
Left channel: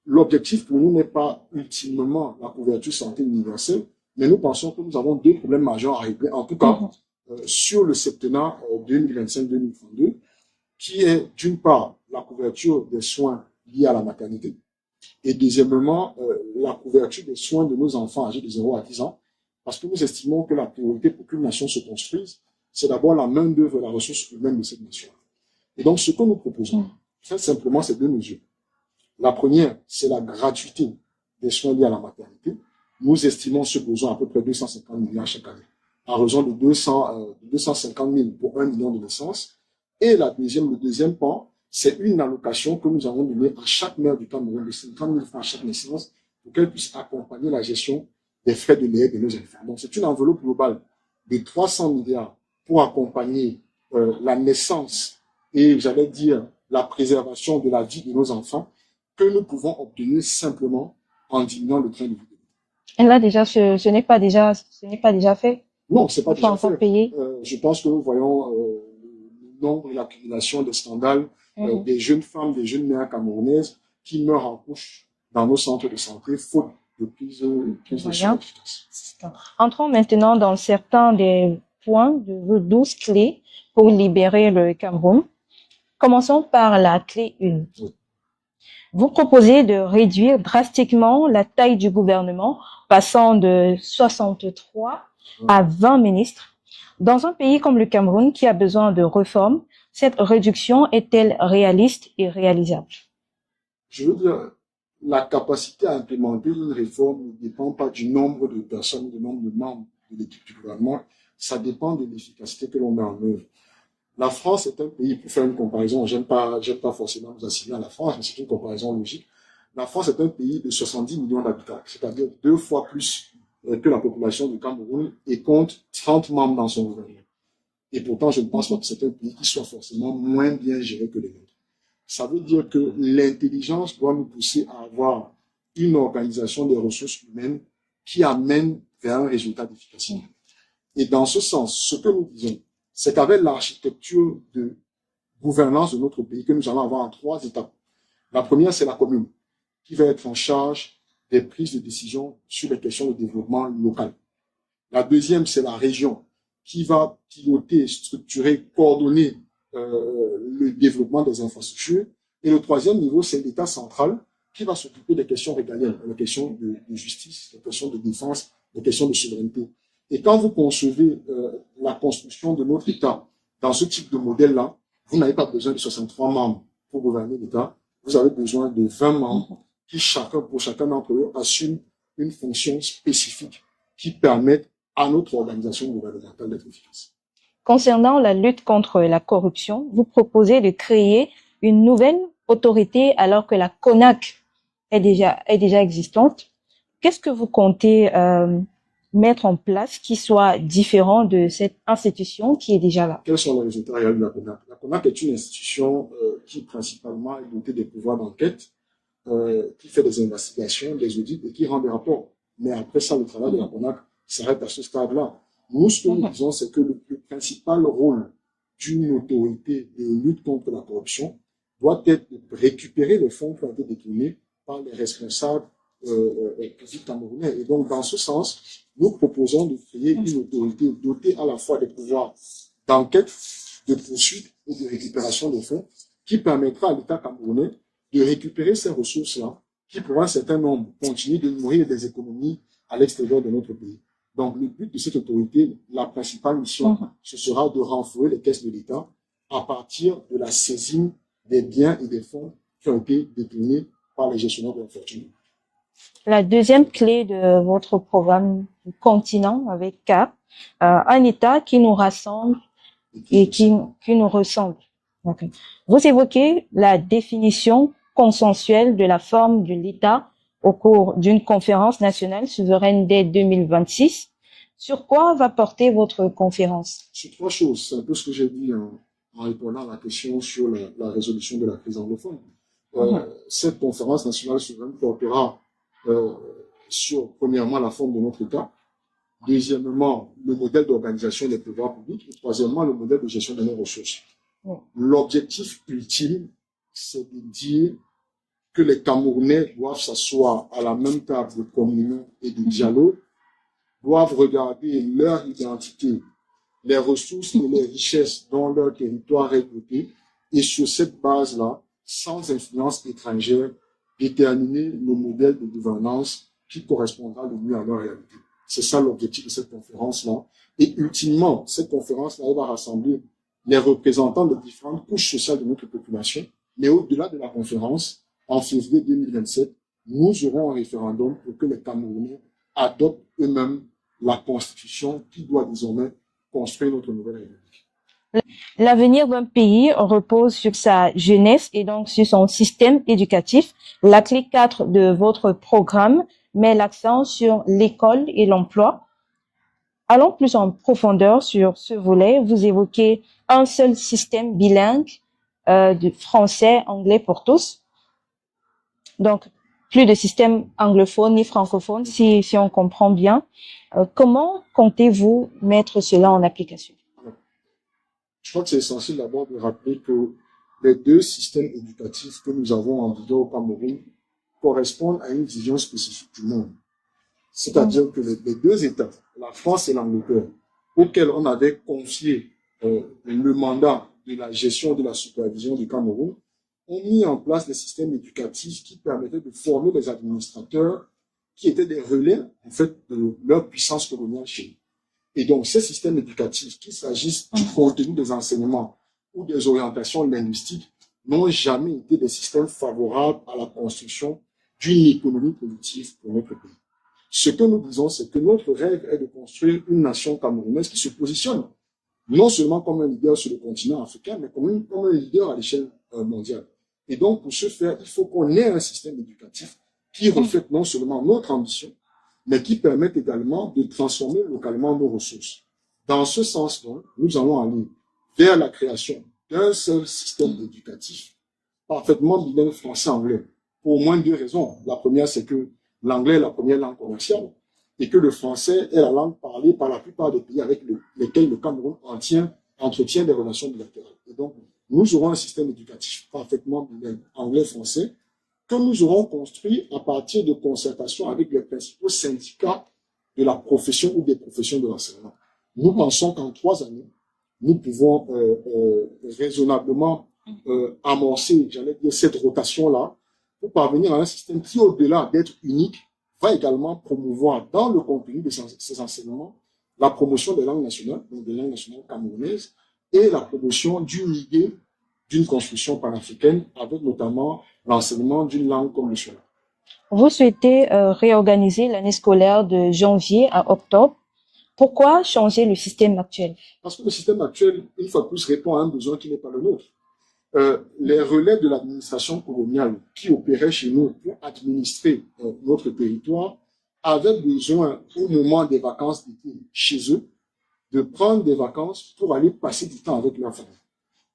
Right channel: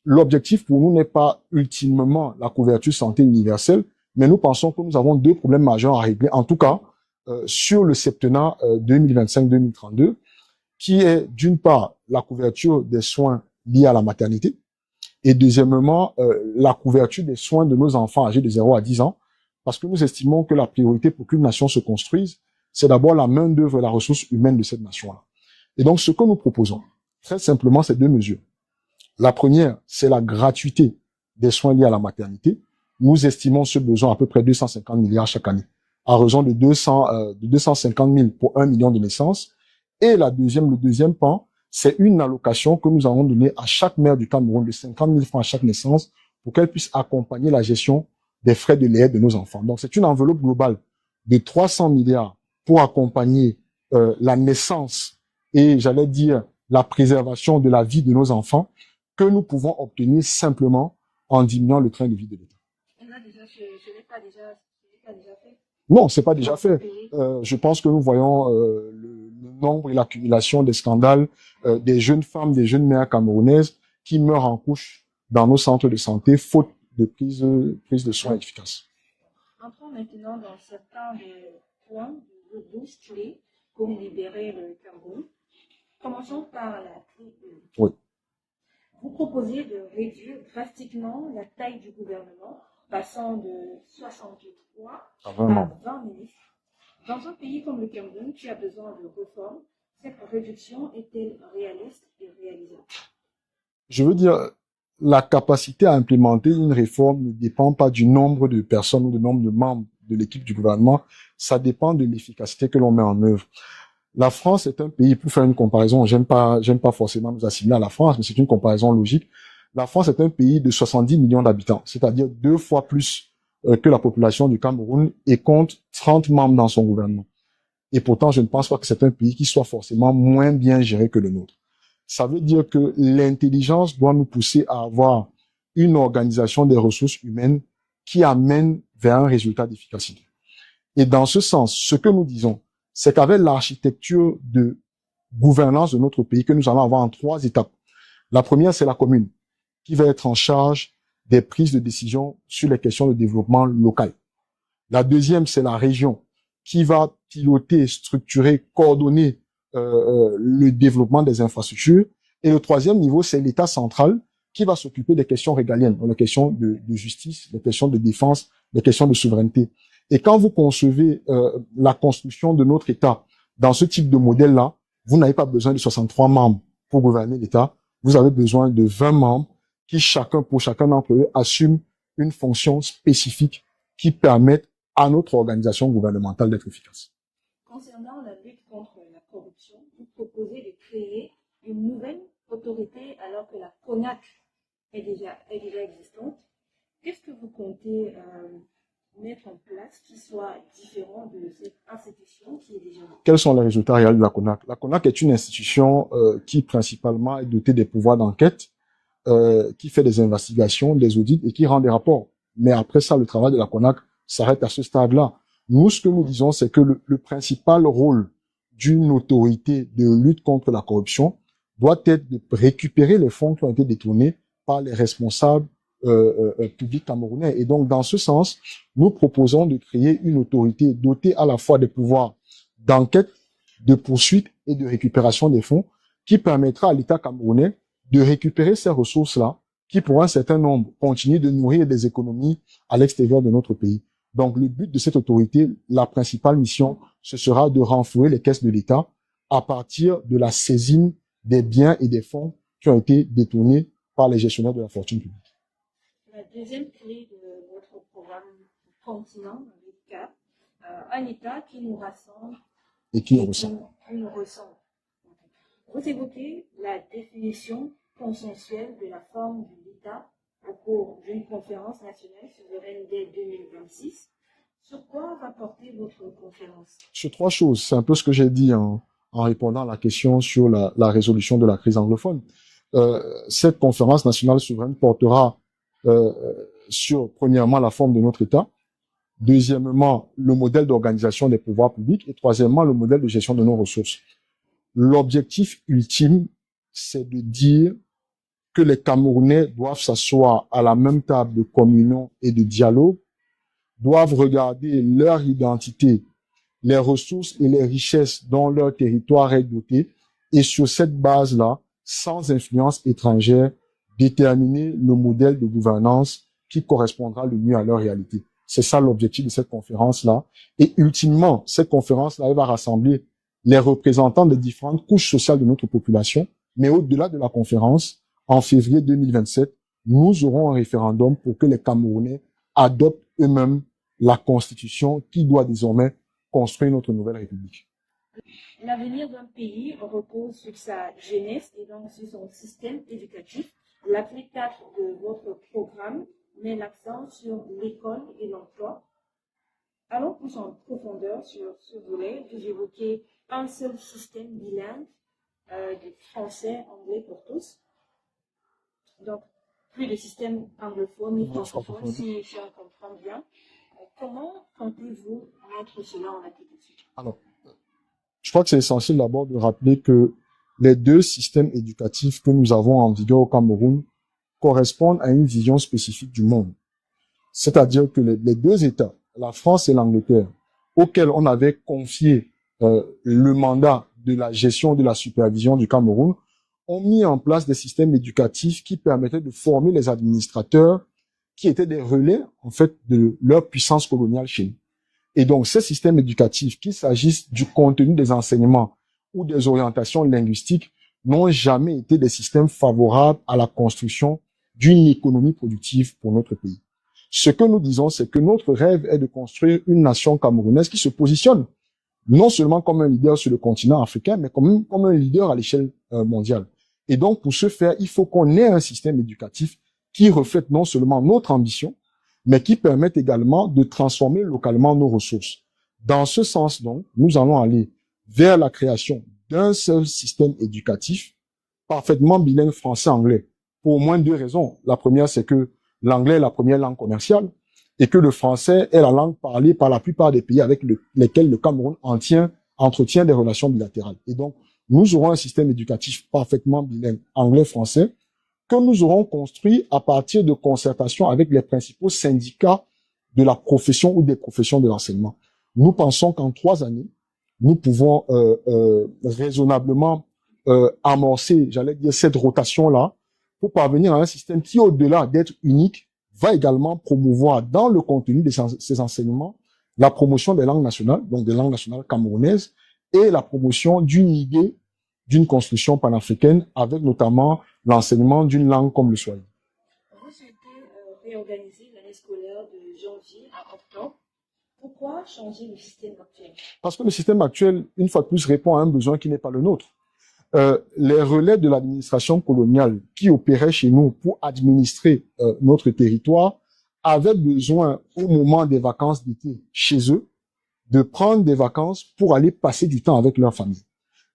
l'objectif pour nous n'est pas ultimement la couverture santé universelle, mais nous pensons que nous avons deux problèmes majeurs à régler, en tout cas, sur le septennat 2025-2032, qui est d'une part la couverture des soins liés à la maternité Et deuxièmement, la couverture des soins de nos enfants âgés de 0 à 10 ans, parce que nous estimons que la priorité pour qu'une nation se construise, c'est d'abord la main-d'œuvre et la ressource humaine de cette nation-là. Et donc, ce que nous proposons, très simplement, c'est 2 mesures. La première, c'est la gratuité des soins liés à la maternité. Nous estimons ce besoin à peu près 250 milliards chaque année, à raison de 250 000 pour 1 million de naissances. Et le deuxième pan, c'est une allocation que nous allons donner à chaque mère du Cameroun de 50 000 francs à chaque naissance pour qu'elle puisse accompagner la gestion des frais de lait de nos enfants. Donc, c'est une enveloppe globale de 300 milliards pour accompagner la naissance et, j'allais dire, la préservation de la vie de nos enfants que nous pouvons obtenir simplement en diminuant le train de vie de l'État. Et là, déjà, ce n'est pas déjà fait. Non, c'est pas déjà fait. Je pense que nous voyons le nombre et l'accumulation des scandales des jeunes femmes, des jeunes mères camerounaises qui meurent en couche dans nos centres de santé faute de prise de soins efficaces. Entrons maintenant dans certains des points de vos 12 clés pour libérer le Cameroun. Commençons par la clé 1. Oui. Vous proposez de réduire drastiquement la taille du gouvernement, passant de 63 à 20 ministres. Dans un pays comme le Cameroun qui a besoin de réformes, cette réduction est-elle réaliste et réalisable? Je veux dire, la capacité à implémenter une réforme ne dépend pas du nombre de personnes ou du nombre de membres de l'équipe du gouvernement, ça dépend de l'efficacité que l'on met en œuvre. La France est un pays, pour faire une comparaison, j'aime pas forcément nous assimiler à la France, mais c'est une comparaison logique. La France est un pays de 70 millions d'habitants, c'est-à-dire 2 fois plus que la population du Cameroun et compte 30 membres dans son gouvernement. Et pourtant, je ne pense pas que c'est un pays qui soit forcément moins bien géré que le nôtre. Ça veut dire que l'intelligence doit nous pousser à avoir une organisation des ressources humaines qui amène vers un résultat d'efficacité. Et dans ce sens, ce que nous disons, c'est qu'avec l'architecture de gouvernance de notre pays que nous allons avoir en 3 étapes. La première, c'est la commune, qui va être en charge des prises de décision sur les questions de développement local. La deuxième, c'est la région, qui va piloter, structurer, coordonner le développement des infrastructures. Et le troisième niveau, c'est l'État central, qui va s'occuper des questions régaliennes, des questions de justice, des questions de défense, des questions de souveraineté. Et quand vous concevez la construction de notre État dans ce type de modèle-là, vous n'avez pas besoin de 63 membres pour gouverner l'État. Vous avez besoin de 20 membres qui, pour chacun d'entre eux, assument une fonction spécifique qui permette à notre organisation gouvernementale d'être efficace. Concernant la lutte contre la corruption, vous proposez de créer une nouvelle autorité alors que la CONAC est déjà existante. Qu'est-ce que vous comptez mettre en place qui soit différent de cette institution qui est déjà là? Quels sont les résultats réels de la CONAC? La CONAC est une institution qui principalement est dotée des pouvoirs d'enquête, qui fait des investigations, des audits et qui rend des rapports. Mais après ça, le travail de la CONAC s'arrête à ce stade-là. Nous, ce que nous disons, c'est que le principal rôle d'une autorité de lutte contre la corruption doit être de récupérer les fonds qui ont été détournés par les responsables publics camerounais. Et donc, dans ce sens, nous proposons de créer une autorité dotée à la fois des pouvoirs d'enquête, de poursuite et de récupération des fonds qui permettra à l'État camerounais de récupérer ces ressources-là qui, pour un certain nombre, continuent de nourrir des économies à l'extérieur de notre pays. Donc, le but de cette autorité, la principale mission, ce sera de renflouer les caisses de l'État à partir de la saisine des biens et des fonds qui ont été détournés par les gestionnaires de la fortune publique. La deuxième clé de votre programme continent avec CAP, un État qui nous rassemble et qui nous ressemble. Okay. Vous évoquez la définition consensuelle de la forme de l'État au cours d'une conférence nationale souveraine dès 2026. Sur quoi va porter votre conférence? Sur 3 choses. C'est un peu ce que j'ai dit en répondant à la question sur la résolution de la crise anglophone. Cette conférence nationale souveraine portera sur, premièrement, la forme de notre État, deuxièmement, le modèle d'organisation des pouvoirs publics et troisièmement, le modèle de gestion de nos ressources. L'objectif ultime, c'est de dire que les Camerounais doivent s'asseoir à la même table de communion et de dialogue, doivent regarder leur identité, les ressources et les richesses dont leur territoire est doté, et sur cette base-là, sans influence étrangère, déterminer le modèle de gouvernance qui correspondra le mieux à leur réalité. C'est ça l'objectif de cette conférence-là. Et ultimement, cette conférence-là, elle va rassembler les représentants des différentes couches sociales de notre population. Mais au-delà de la conférence, en février 2027, nous aurons un référendum pour que les Camerounais adoptent eux-mêmes la constitution qui doit désormais construire notre nouvelle République. L'avenir d'un pays repose sur sa jeunesse et donc sur son système éducatif. La clé 4 de votre programme met l'accent sur l'école et l'emploi. Allons plus en profondeur sur ce volet. Vous évoquez un seul système bilingue de français, anglais pour tous. Donc, plus de système anglophone ni francophone, si on comprend bien. Comment comptez-vous mettre cela en application? Alors, je crois que c'est essentiel d'abord de rappeler que les deux systèmes éducatifs que nous avons en vigueur au Cameroun correspondent à une vision spécifique du monde. C'est-à-dire que les deux États, la France et l'Angleterre, auxquels on avait confié le mandat de la gestion de la supervision du Cameroun, ont mis en place des systèmes éducatifs qui permettaient de former les administrateurs qui étaient des relais, en fait, de leur puissance coloniale chez nous. Et donc, ces systèmes éducatifs, qu'il s'agisse du contenu des enseignements ou des orientations linguistiques, n'ont jamais été des systèmes favorables à la construction d'une économie productive pour notre pays. Ce que nous disons, c'est que notre rêve est de construire une nation camerounaise qui se positionne non seulement comme un leader sur le continent africain, mais comme un leader à l'échelle mondiale. Et donc, pour ce faire, il faut qu'on ait un système éducatif qui reflète non seulement notre ambition, mais qui permette également de transformer localement nos ressources. Dans ce sens, donc, nous allons aller vers la création d'un seul système éducatif parfaitement bilingue français-anglais pour au moins deux raisons. La première, c'est que l'anglais est la première langue commerciale et que le français est la langue parlée par la plupart des pays avec lesquels le Cameroun entretient des relations bilatérales. Et donc, nous aurons un système éducatif parfaitement bilingue anglais-français que nous aurons construit à partir de concertations avec les principaux syndicats de la profession ou des professions de l'enseignement. Nous pensons qu'en 3 années, nous pouvons raisonnablement amorcer, j'allais dire, cette rotation-là pour parvenir à un système qui, au-delà d'être unique, va également promouvoir dans le contenu de ces enseignements la promotion des langues nationales, donc des langues nationales camerounaises, et la promotion d'une idée d'une construction panafricaine avec notamment l'enseignement d'une langue comme le swahili. Vous souhaitez réorganiser l'année scolaire de janvier à octobre. Pourquoi changer le système actuel? Parce que le système actuel, une fois de plus, répond à un besoin qui n'est pas le nôtre. Les relais de l'administration coloniale qui opéraient chez nous pour administrer notre territoire avaient besoin, au moment des vacances d'été chez eux, de prendre des vacances pour aller passer du temps avec leur famille.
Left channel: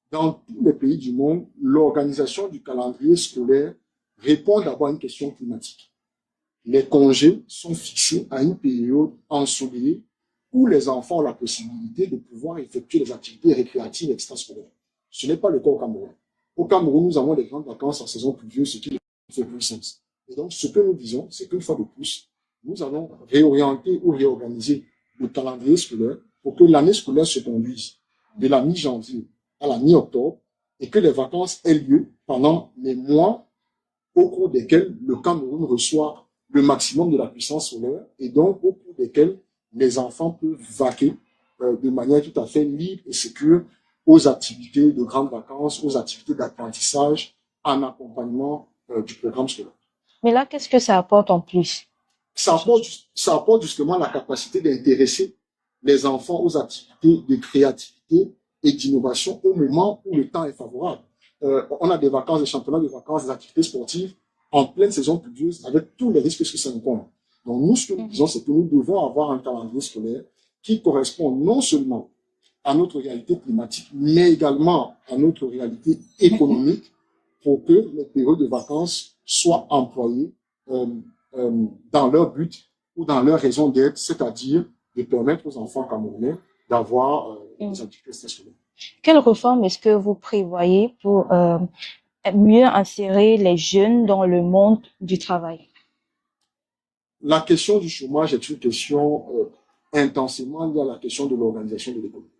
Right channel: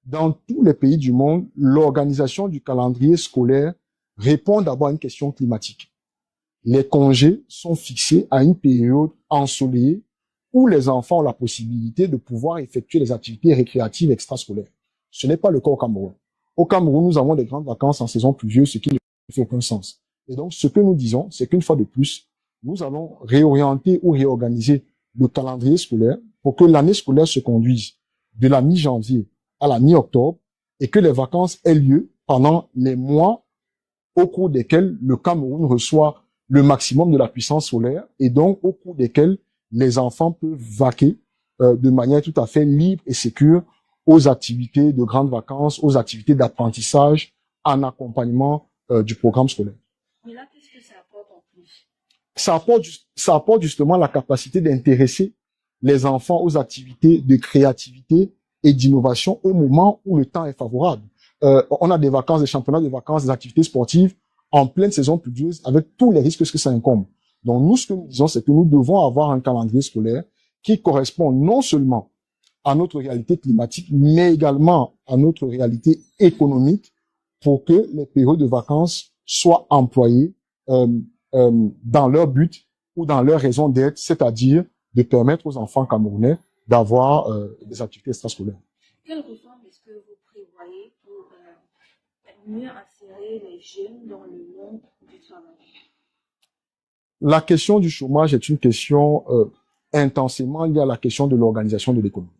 Dans tous les pays du monde, l'organisation du calendrier scolaire répond d'abord à une question climatique. Les congés sont fixés à une période ensoleillée où les enfants ont la possibilité de pouvoir effectuer des activités récréatives extrascolaires. Ce n'est pas le cas au Cameroun. Au Cameroun, nous avons des grandes vacances en saison pluvieuse, ce qui ne fait aucun sens. Et donc, ce que nous disons, c'est qu'une fois de plus, nous allons réorienter ou réorganiser le calendrier scolaire pour que l'année scolaire se conduise de la mi-janvier à la mi-octobre et que les vacances aient lieu pendant les mois au cours desquels le Cameroun reçoit le maximum de la puissance solaire et donc au cours desquels les enfants peuvent vaquer de manière tout à fait libre et sécure aux activités de grandes vacances, aux activités d'apprentissage en accompagnement du programme scolaire. Mais là, qu'est-ce que ça apporte en plus? Ça apporte justement la capacité d'intéresser les enfants aux activités de créativité et d'innovation au moment où le temps est favorable. On a des vacances, des championnats de vacances, des activités sportives en pleine saison pluvieuse avec tous les risques que ça incombe. Donc nous, ce que nous disons, c'est que nous devons avoir un calendrier scolaire qui correspond non seulement à notre réalité climatique, mais également à notre réalité économique pour que les périodes de vacances soient employées dans leur but ou dans leur raison d'être, c'est-à-dire de permettre aux enfants camerounais d'avoir des activités extrascolaires. Quelles réformes est-ce que vous prévoyez pour mieux insérer les jeunes dans le monde du travail? La question du chômage est une question intensément liée à la question de l'organisation de l'économie.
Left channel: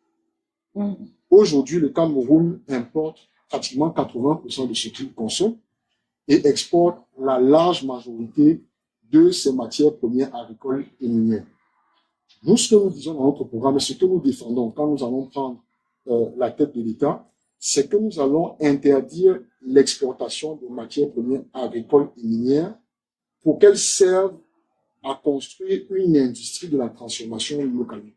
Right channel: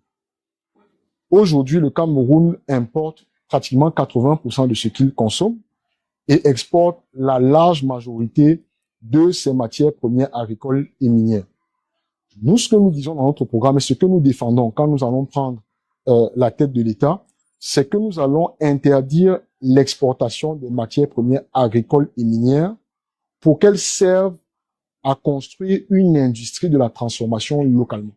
Aujourd'hui, le Cameroun importe pratiquement 80% de ce qu'il consomme et exporte la large majorité de ses matières premières agricoles et minières. Nous, ce que nous disons dans notre programme et ce que nous défendons quand nous allons prendre la tête de l'État, c'est que nous allons interdire l'exportation des matières premières agricoles et minières pour qu'elles servent à construire une industrie de la transformation localement.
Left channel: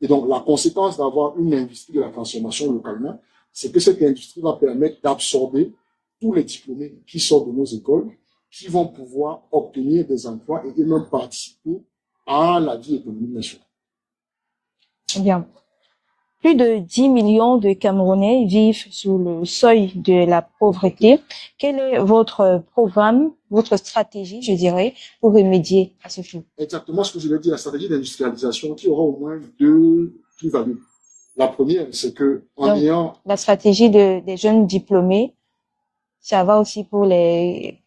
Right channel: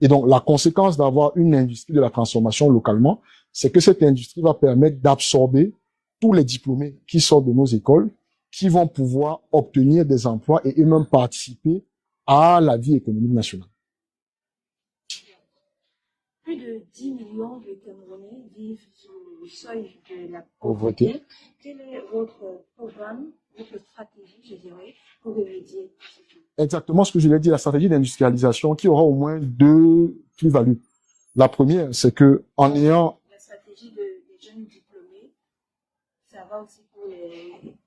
Et donc, la conséquence d'avoir une industrie de la transformation localement, c'est que cette industrie va permettre d'absorber tous les diplômés qui sortent de nos écoles, qui vont pouvoir obtenir des emplois et eux-mêmes participer à la vie économique nationale. Bien. Plus de 10 millions de Camerounais vivent sous le seuil de la pauvreté. Quel est votre programme, votre stratégie, je dirais, pour remédier à ce flou? Exactement ce que je l'ai dit, la stratégie d'industrialisation qui aura au moins deux plus-values. La première, c'est que en ayant... La stratégie des jeunes diplômés, ça va aussi pour les...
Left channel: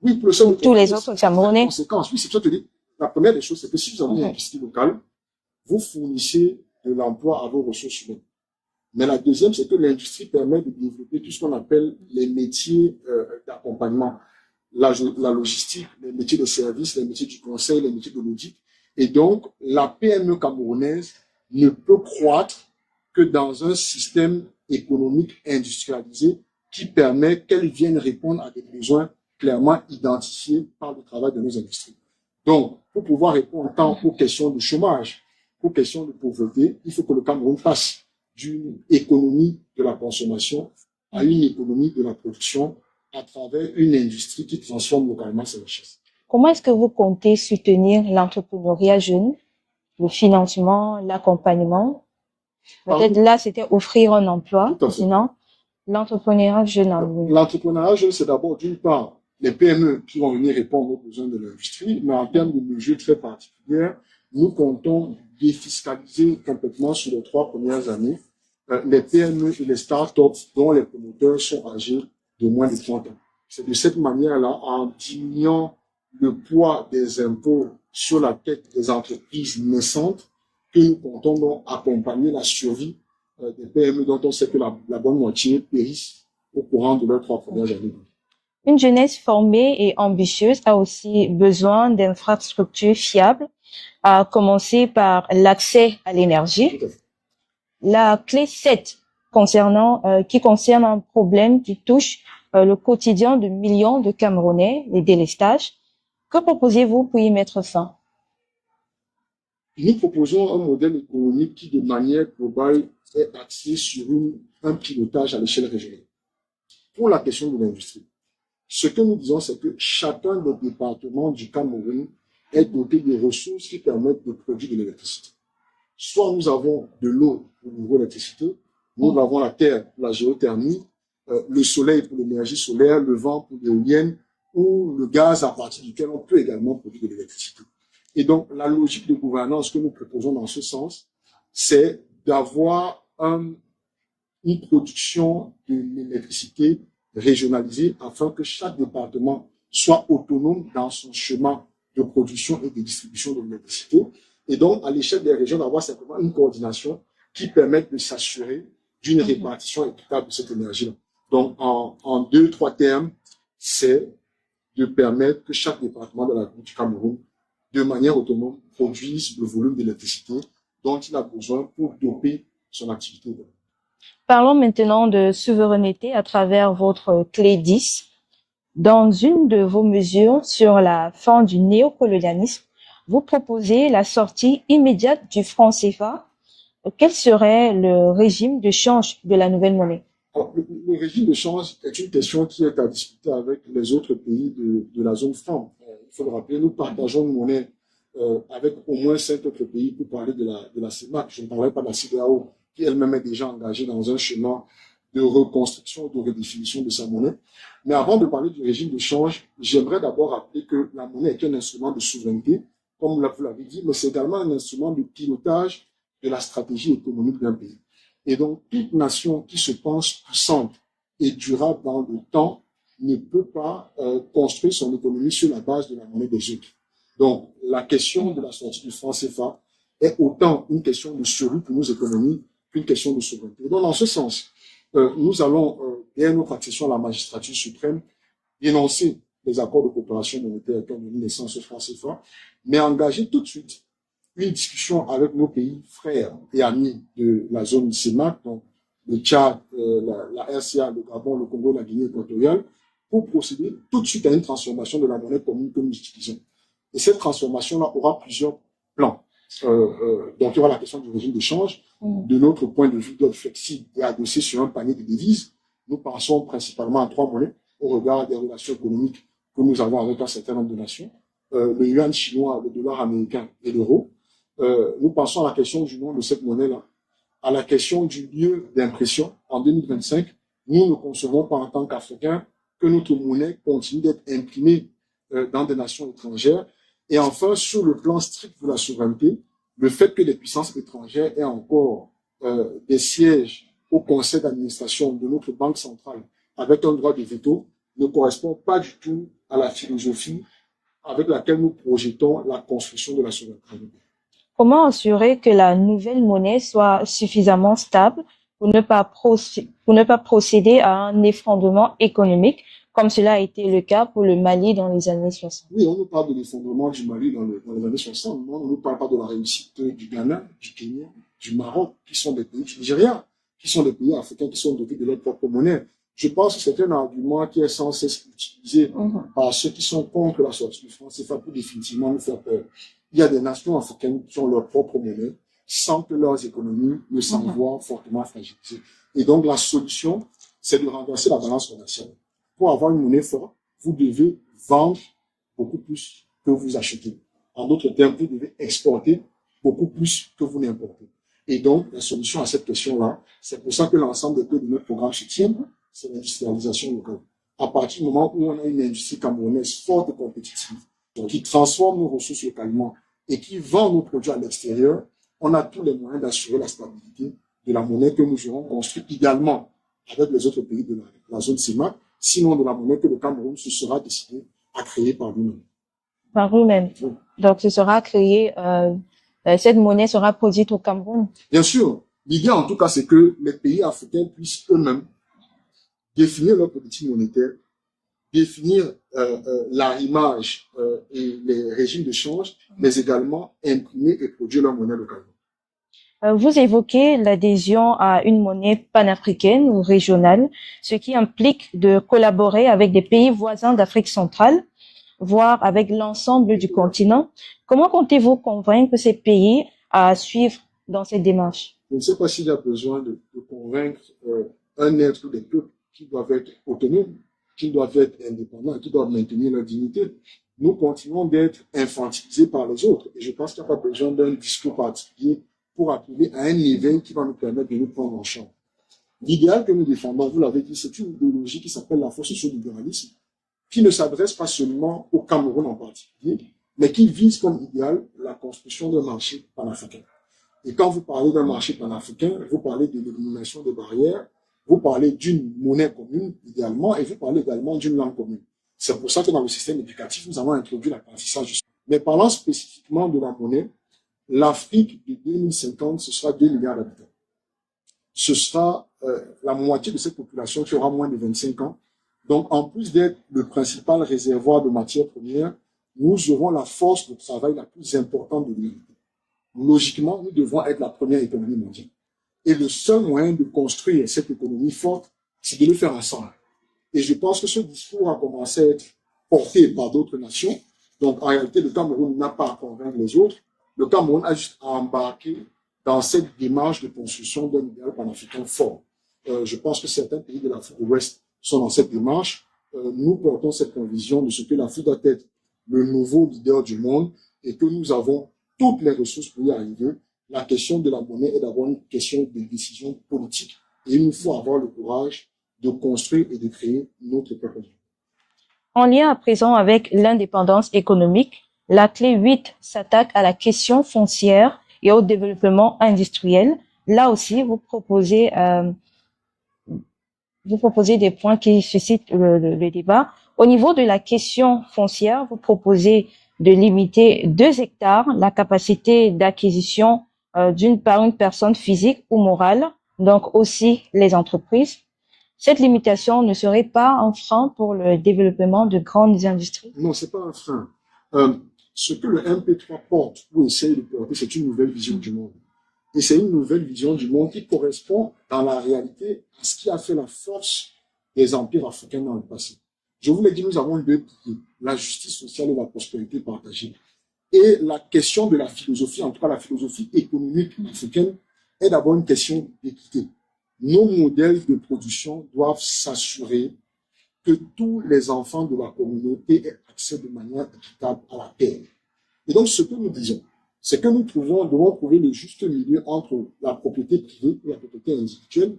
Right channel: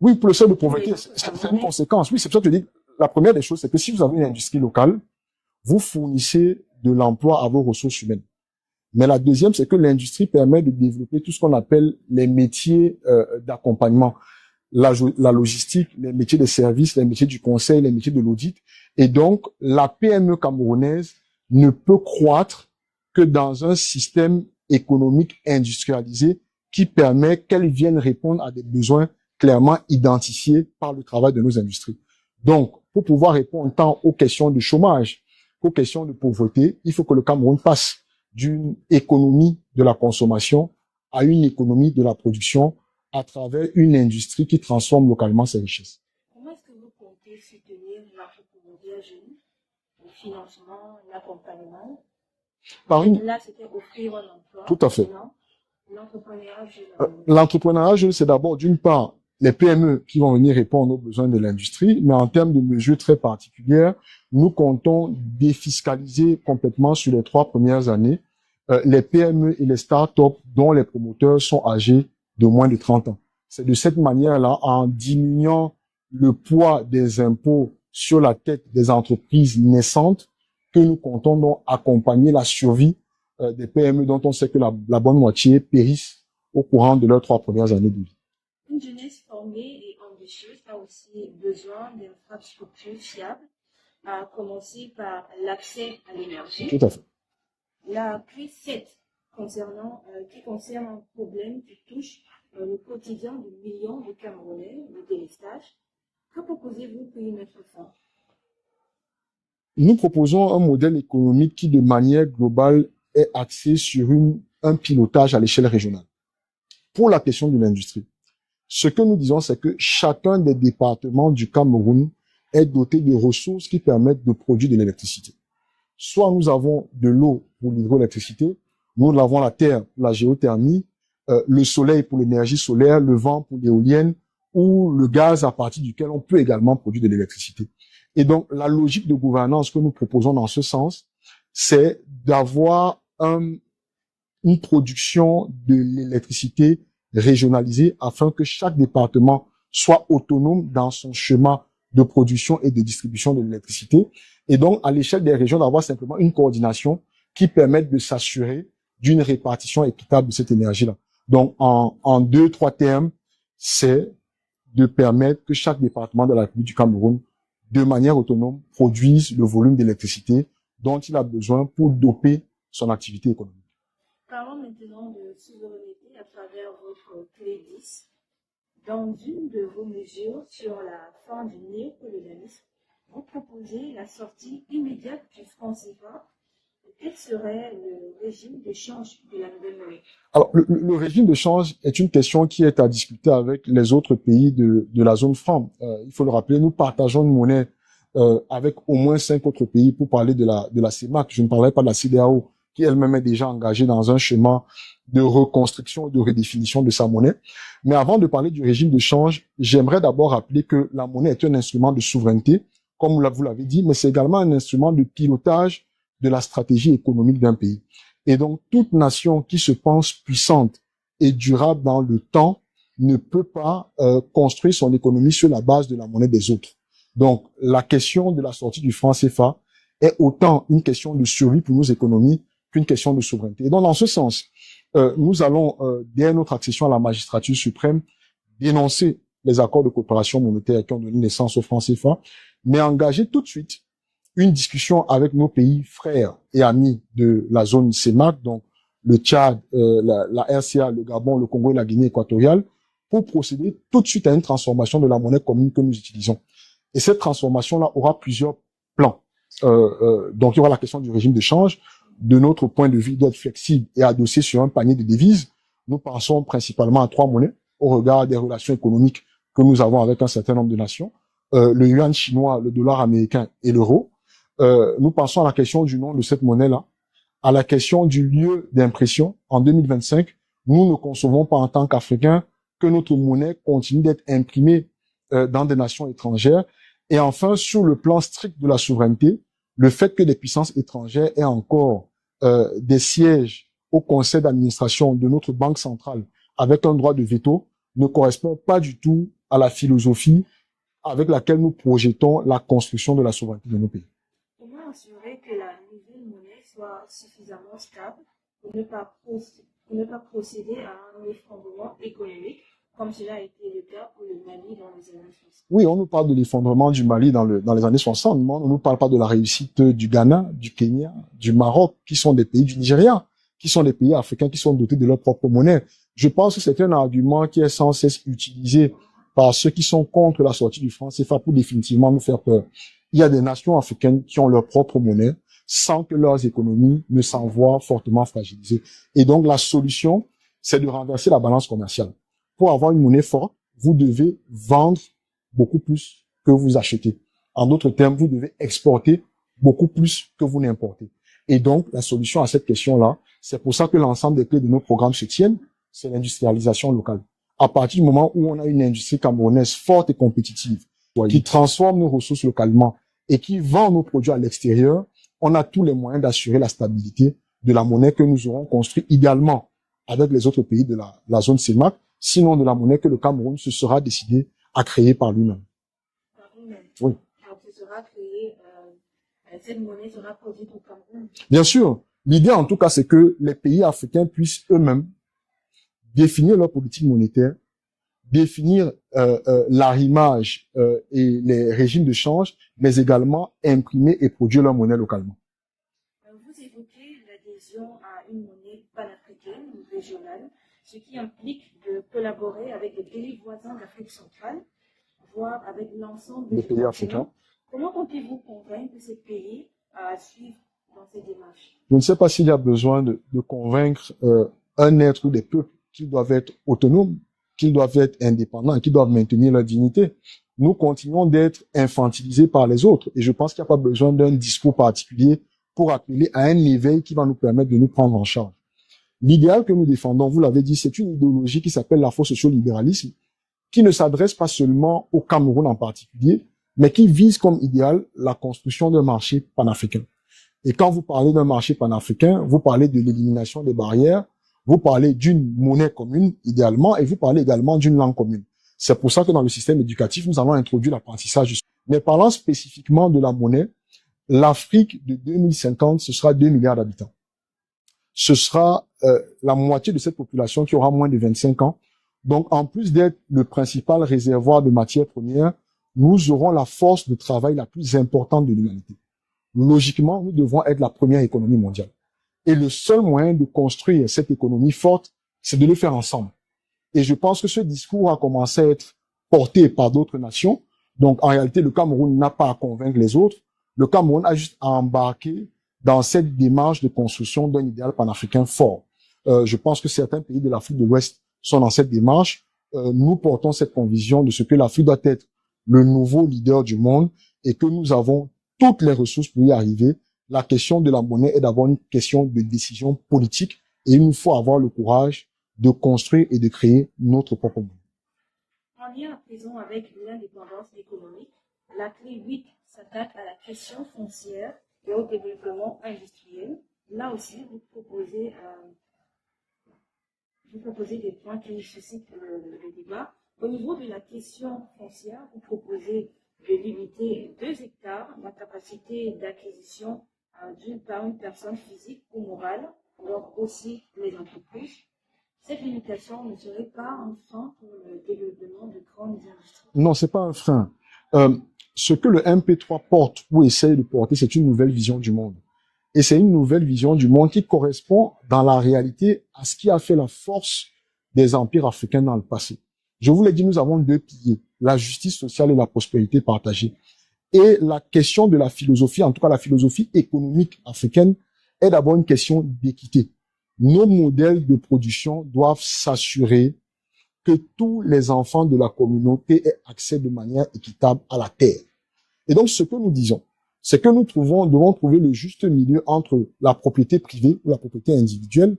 Oui, pour le seul tous les autres Camerounais. Conséquences. Oui, c'est pour ça que je dis, la première des choses, c'est que si vous avez une industrie locale, vous fournissez de l'emploi à vos ressources humaines. Mais la deuxième, c'est que l'industrie permet de développer tout ce qu'on appelle les métiers d'accompagnement, la logistique, les métiers de services, les métiers du conseil, les métiers de l'audit. Et donc, la PME camerounaise ne peut croître que dans un système économique industrialisé qui permet qu'elle vienne répondre à des besoins clairement identifiés par le travail de nos industries. Donc, pour pouvoir répondre tant aux questions de chômage, aux questions de pauvreté, il faut que le Cameroun passe d'une économie de la consommation à une économie de la production à travers une industrie qui transforme localement ses richesses. Comment est-ce que vous comptez soutenir l'entrepreneuriat jeune, le financement, l'accompagnement? Peut-être là, c'était offrir un emploi. Tout à fait. Sinon, l'entrepreneuriat jeune. L'entrepreneuriat jeune, c'est d'abord, d'une part, les PME qui vont venir répondre aux besoins de l'industrie, mais en termes de mesures très particulières, nous comptons défiscaliser complètement sur les 3 premières années les PME et les startups dont les promoteurs sont âgés de moins de 30 ans. C'est de cette manière-là, en diminuant le poids des impôts sur la tête des entreprises naissantes, que nous comptons donc accompagner la survie des PME dont on sait que la bonne moitié périssent au courant de leurs 3 premières années de vie. Une jeunesse formée et ambitieuse a aussi besoin d'infrastructures fiables, à commencer par l'accès à l'énergie. Tout à fait. La clé 7 qui concerne un problème qui touche le quotidien de millions de Camerounais, les délestages. Que proposez-vous pour y mettre fin? Nous proposons un modèle économique qui, de manière globale, est axé sur un pilotage à l'échelle régionale. Pour la question de l'industrie, ce que nous disons, c'est que chacun des départements du Cameroun est doté de ressources qui permettent de produire de l'électricité. Soit nous avons de l'eau pour l'hydroélectricité, nous avons la terre pour la géothermie, le soleil pour l'énergie solaire, le vent pour l'éolienne, ou le gaz à partir duquel on peut également produire de l'électricité. Et donc, la logique de gouvernance que nous proposons dans ce sens, c'est d'avoir une production de l'électricité régionalisée afin que chaque département soit autonome dans son chemin de production et de distribution de l'électricité. Et donc, à l'échelle des régions, d'avoir simplement une coordination qui permette de s'assurer d'une répartition équitable de cette énergie-là. Donc, en 2-3 termes, c'est de permettre que chaque département de la République du Cameroun, de manière autonome, produise le volume d'électricité dont il a besoin pour doper son activité économique. Parlons maintenant de souveraineté à travers votre clé 10. Dans une de vos mesures sur la fin du néocolonialisme, vous proposez la sortie immédiate du franc CFA. Quel serait le régime de change de la nouvelle monnaie? Alors, le régime de change est une question qui est à discuter avec les autres pays de la zone franc. Il faut le rappeler, nous partageons une monnaie avec au moins 5 autres pays pour parler de la CEMAC. Je ne parlerai pas de la CEDEAO, qui elle-même est déjà engagée dans un chemin de reconstruction, de redéfinition de sa monnaie. Mais avant de parler du régime de change, j'aimerais d'abord rappeler que la monnaie est un instrument de souveraineté, comme vous l'avez dit, mais c'est également un instrument de pilotage de la stratégie économique d'un pays. Et donc, toute nation qui se pense puissante et durable dans le temps ne peut pas construire son économie sur la base de la monnaie des autres. Donc, la question de la sortie du franc CFA est autant une question de survie pour nos économies qu'une question de souveraineté. Et donc, dans ce sens, nous allons, dès notre accession à la magistrature suprême, dénoncer les accords de coopération monétaire qui ont donné naissance au franc CFA, mais engager tout de suite une discussion avec nos pays frères et amis de la zone CEMAC, donc le Tchad, la RCA, le Gabon, le Congo et la Guinée équatoriale, pour procéder tout de suite à une transformation de la monnaie commune que nous utilisons. Et cette transformation-là aura plusieurs plans. Donc, il y aura la question du régime de change. De notre point de vue, doit être flexible et adossé sur un panier de devises. Nous pensons principalement à 3 monnaies au regard des relations économiques que nous avons avec un certain nombre de nations. Le yuan chinois, le dollar américain et l'euro. Nous pensons à la question du nom de cette monnaie-là, à la question du lieu d'impression. En 2025, nous ne concevons pas en tant qu'Africains que notre monnaie continue d'être imprimée dans des nations étrangères. Et enfin, sur le plan strict de la souveraineté, le fait que les puissances étrangères aient encore des sièges au conseil d'administration de notre banque centrale avec un droit de veto ne correspond pas du tout à la philosophie avec laquelle nous projetons la construction de la souveraineté de nos pays. Comment assurer que la nouvelle monnaie soit suffisamment stable pour ne pas procéder à un effondrement économique, comme cela a été le cas pour le Mali dans les années 60? Oui, on nous parle de l'effondrement du Mali dans les années 60, mais on ne nous parle pas de la réussite du Ghana, du Kenya, du Maroc, qui sont des pays du Nigeria, qui sont des pays africains qui sont dotés de leur propre monnaie. Je pense que c'est un argument qui est sans cesse utilisé par ceux qui sont contre la sortie du franc CFA pour définitivement nous faire peur. Il y a des nations africaines qui ont leur propre monnaie sans que leurs économies ne s'en voient fortement fragilisées. Et donc, la solution, c'est de renverser la balance commerciale. Pour avoir une monnaie forte, vous devez vendre beaucoup plus que vous achetez. En d'autres termes, vous devez exporter beaucoup plus que vous n'importez. Et donc, la solution à cette question-là, c'est pour ça que l'ensemble des clés de nos programmes se tiennent, c'est l'industrialisation locale. À partir du moment où on a une industrie camerounaise forte et compétitive, qui transforme nos ressources localement et qui vend nos produits à l'extérieur, on a tous les moyens d'assurer la stabilité de la monnaie que nous aurons construite idéalement avec les autres pays de la zone CEMAC, sinon de la monnaie que le Cameroun se sera décidé à créer par lui-même. Par lui-même. Oui. Donc, ce sera créé, cette monnaie sera produite au Cameroun. Bien sûr. L'idée, en tout cas, c'est que les pays africains puissent eux-mêmes définir leur politique monétaire, définir l'arrimage et les régimes de change, mais également imprimer et produire leur monnaie localement. Vous évoquez l'adhésion à une monnaie panafricaine ou régionale, ce qui implique de collaborer avec des pays voisins d'Afrique centrale, voire avec l'ensemble du continent. Africains. Comment comptez-vous convaincre ces pays à suivre dans cette démarche? Je ne sais pas s'il y a besoin de convaincre un être ou des peuples qu'ils doivent être autonomes, qu'ils doivent être indépendants, qu'ils doivent maintenir leur dignité. Nous continuons d'être infantilisés par les autres et je pense qu'il n'y a pas besoin d'un discours particulier pour appeler à un événement qui va nous permettre de nous prendre en charge. L'idéal que nous défendons, vous l'avez dit, c'est une idéologie qui s'appelle l'afro-sociolibéralisme, qui ne s'adresse pas seulement au Cameroun en particulier, mais qui vise comme idéal la construction d'un marché panafricain. Et quand vous parlez d'un marché panafricain, vous parlez de l'élimination des barrières, vous parlez d'une monnaie commune, idéalement, et vous parlez également d'une langue commune. C'est pour ça que dans le système éducatif, nous allons introduire l'apprentissage. Mais parlant spécifiquement de la monnaie, l'Afrique de 2050, ce sera 2 milliards d'habitants. Ce sera la moitié de cette population qui aura moins de 25 ans. Donc, en plus d'être le principal réservoir de matières premières, nous aurons la force de travail la plus importante de l'humanité. Logiquement, nous devons être la première économie mondiale. Et le seul moyen de construire cette économie forte, c'est de le faire ensemble. Et je pense que ce discours a commencé à être porté par d'autres nations. Donc, en réalité, le Cameroun n'a pas à convaincre les autres. Le Cameroun a juste à embarquer dans cette démarche de construction d'un idéal panafricain fort. Je pense que certains pays de l'Afrique de l'Ouest sont dans cette démarche. Nous portons cette conviction de ce que l'Afrique doit être le nouveau leader du monde et que nous avons toutes les ressources pour y arriver. La question de la monnaie est d'abord une question de décision politique et il nous faut avoir le courage de construire et de créer notre propre monde. En lien à présent avec l'indépendance économique, la clé 8 s'attaque à la question foncière et au développement industriel. Là aussi, vous proposez des points qui suscitent le débat. Au niveau de la question foncière, vous proposez de limiter 2 hectares la capacité d'acquisition par une personne physique ou morale, donc aussi les entreprises. Cette limitation ne serait pas un frein pour le développement de grandes industries? Non, c'est pas un frein. Ce que le MP3 porte ou essaye de porter, c'est une nouvelle vision du monde. Et c'est une nouvelle vision du monde qui correspond dans la réalité à ce qui a fait la force des empires africains dans le passé. Je vous l'ai dit, nous avons deux piliers, la justice sociale et la prospérité partagée. Et la question de la philosophie, en tout cas la philosophie économique africaine, est d'abord une question d'équité. Nos modèles de production doivent s'assurer que tous les enfants de la communauté aient accès de manière équitable à la terre. Et donc, ce que nous disons, c'est que nous devons trouver le juste milieu entre la propriété privée ou la propriété individuelle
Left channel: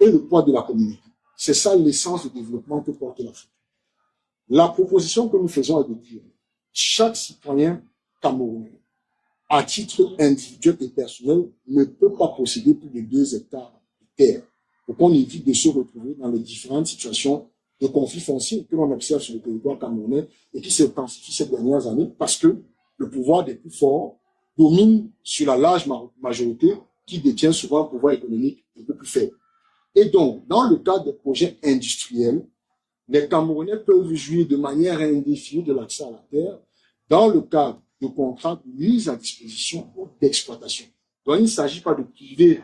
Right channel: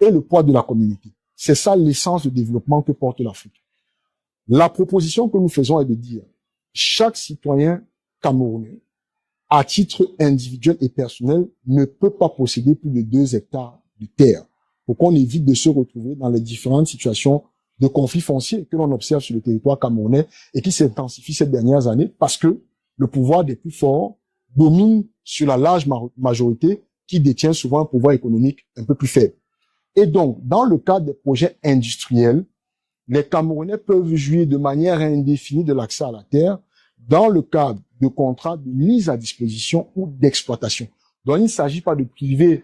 et le poids de la communauté. C'est ça l'essence de développement que porte l'Afrique. La proposition que nous faisons est de dire, chaque citoyen camerounais, à titre individuel et personnel, ne peut pas posséder plus de 2 hectares de terre pour qu'on évite de se retrouver dans les différentes situations de conflits fonciers que l'on observe sur le territoire camerounais et qui s'intensifient ces dernières années parce que le pouvoir des plus forts domine sur la large majorité qui détient souvent un pouvoir économique un peu plus faible. Et donc, dans le cadre des projets industriels, les Camerounais peuvent jouir de manière indéfinie de l'accès à la terre dans le cadre de contrats de mise à disposition ou d'exploitation. Donc, il ne s'agit pas de priver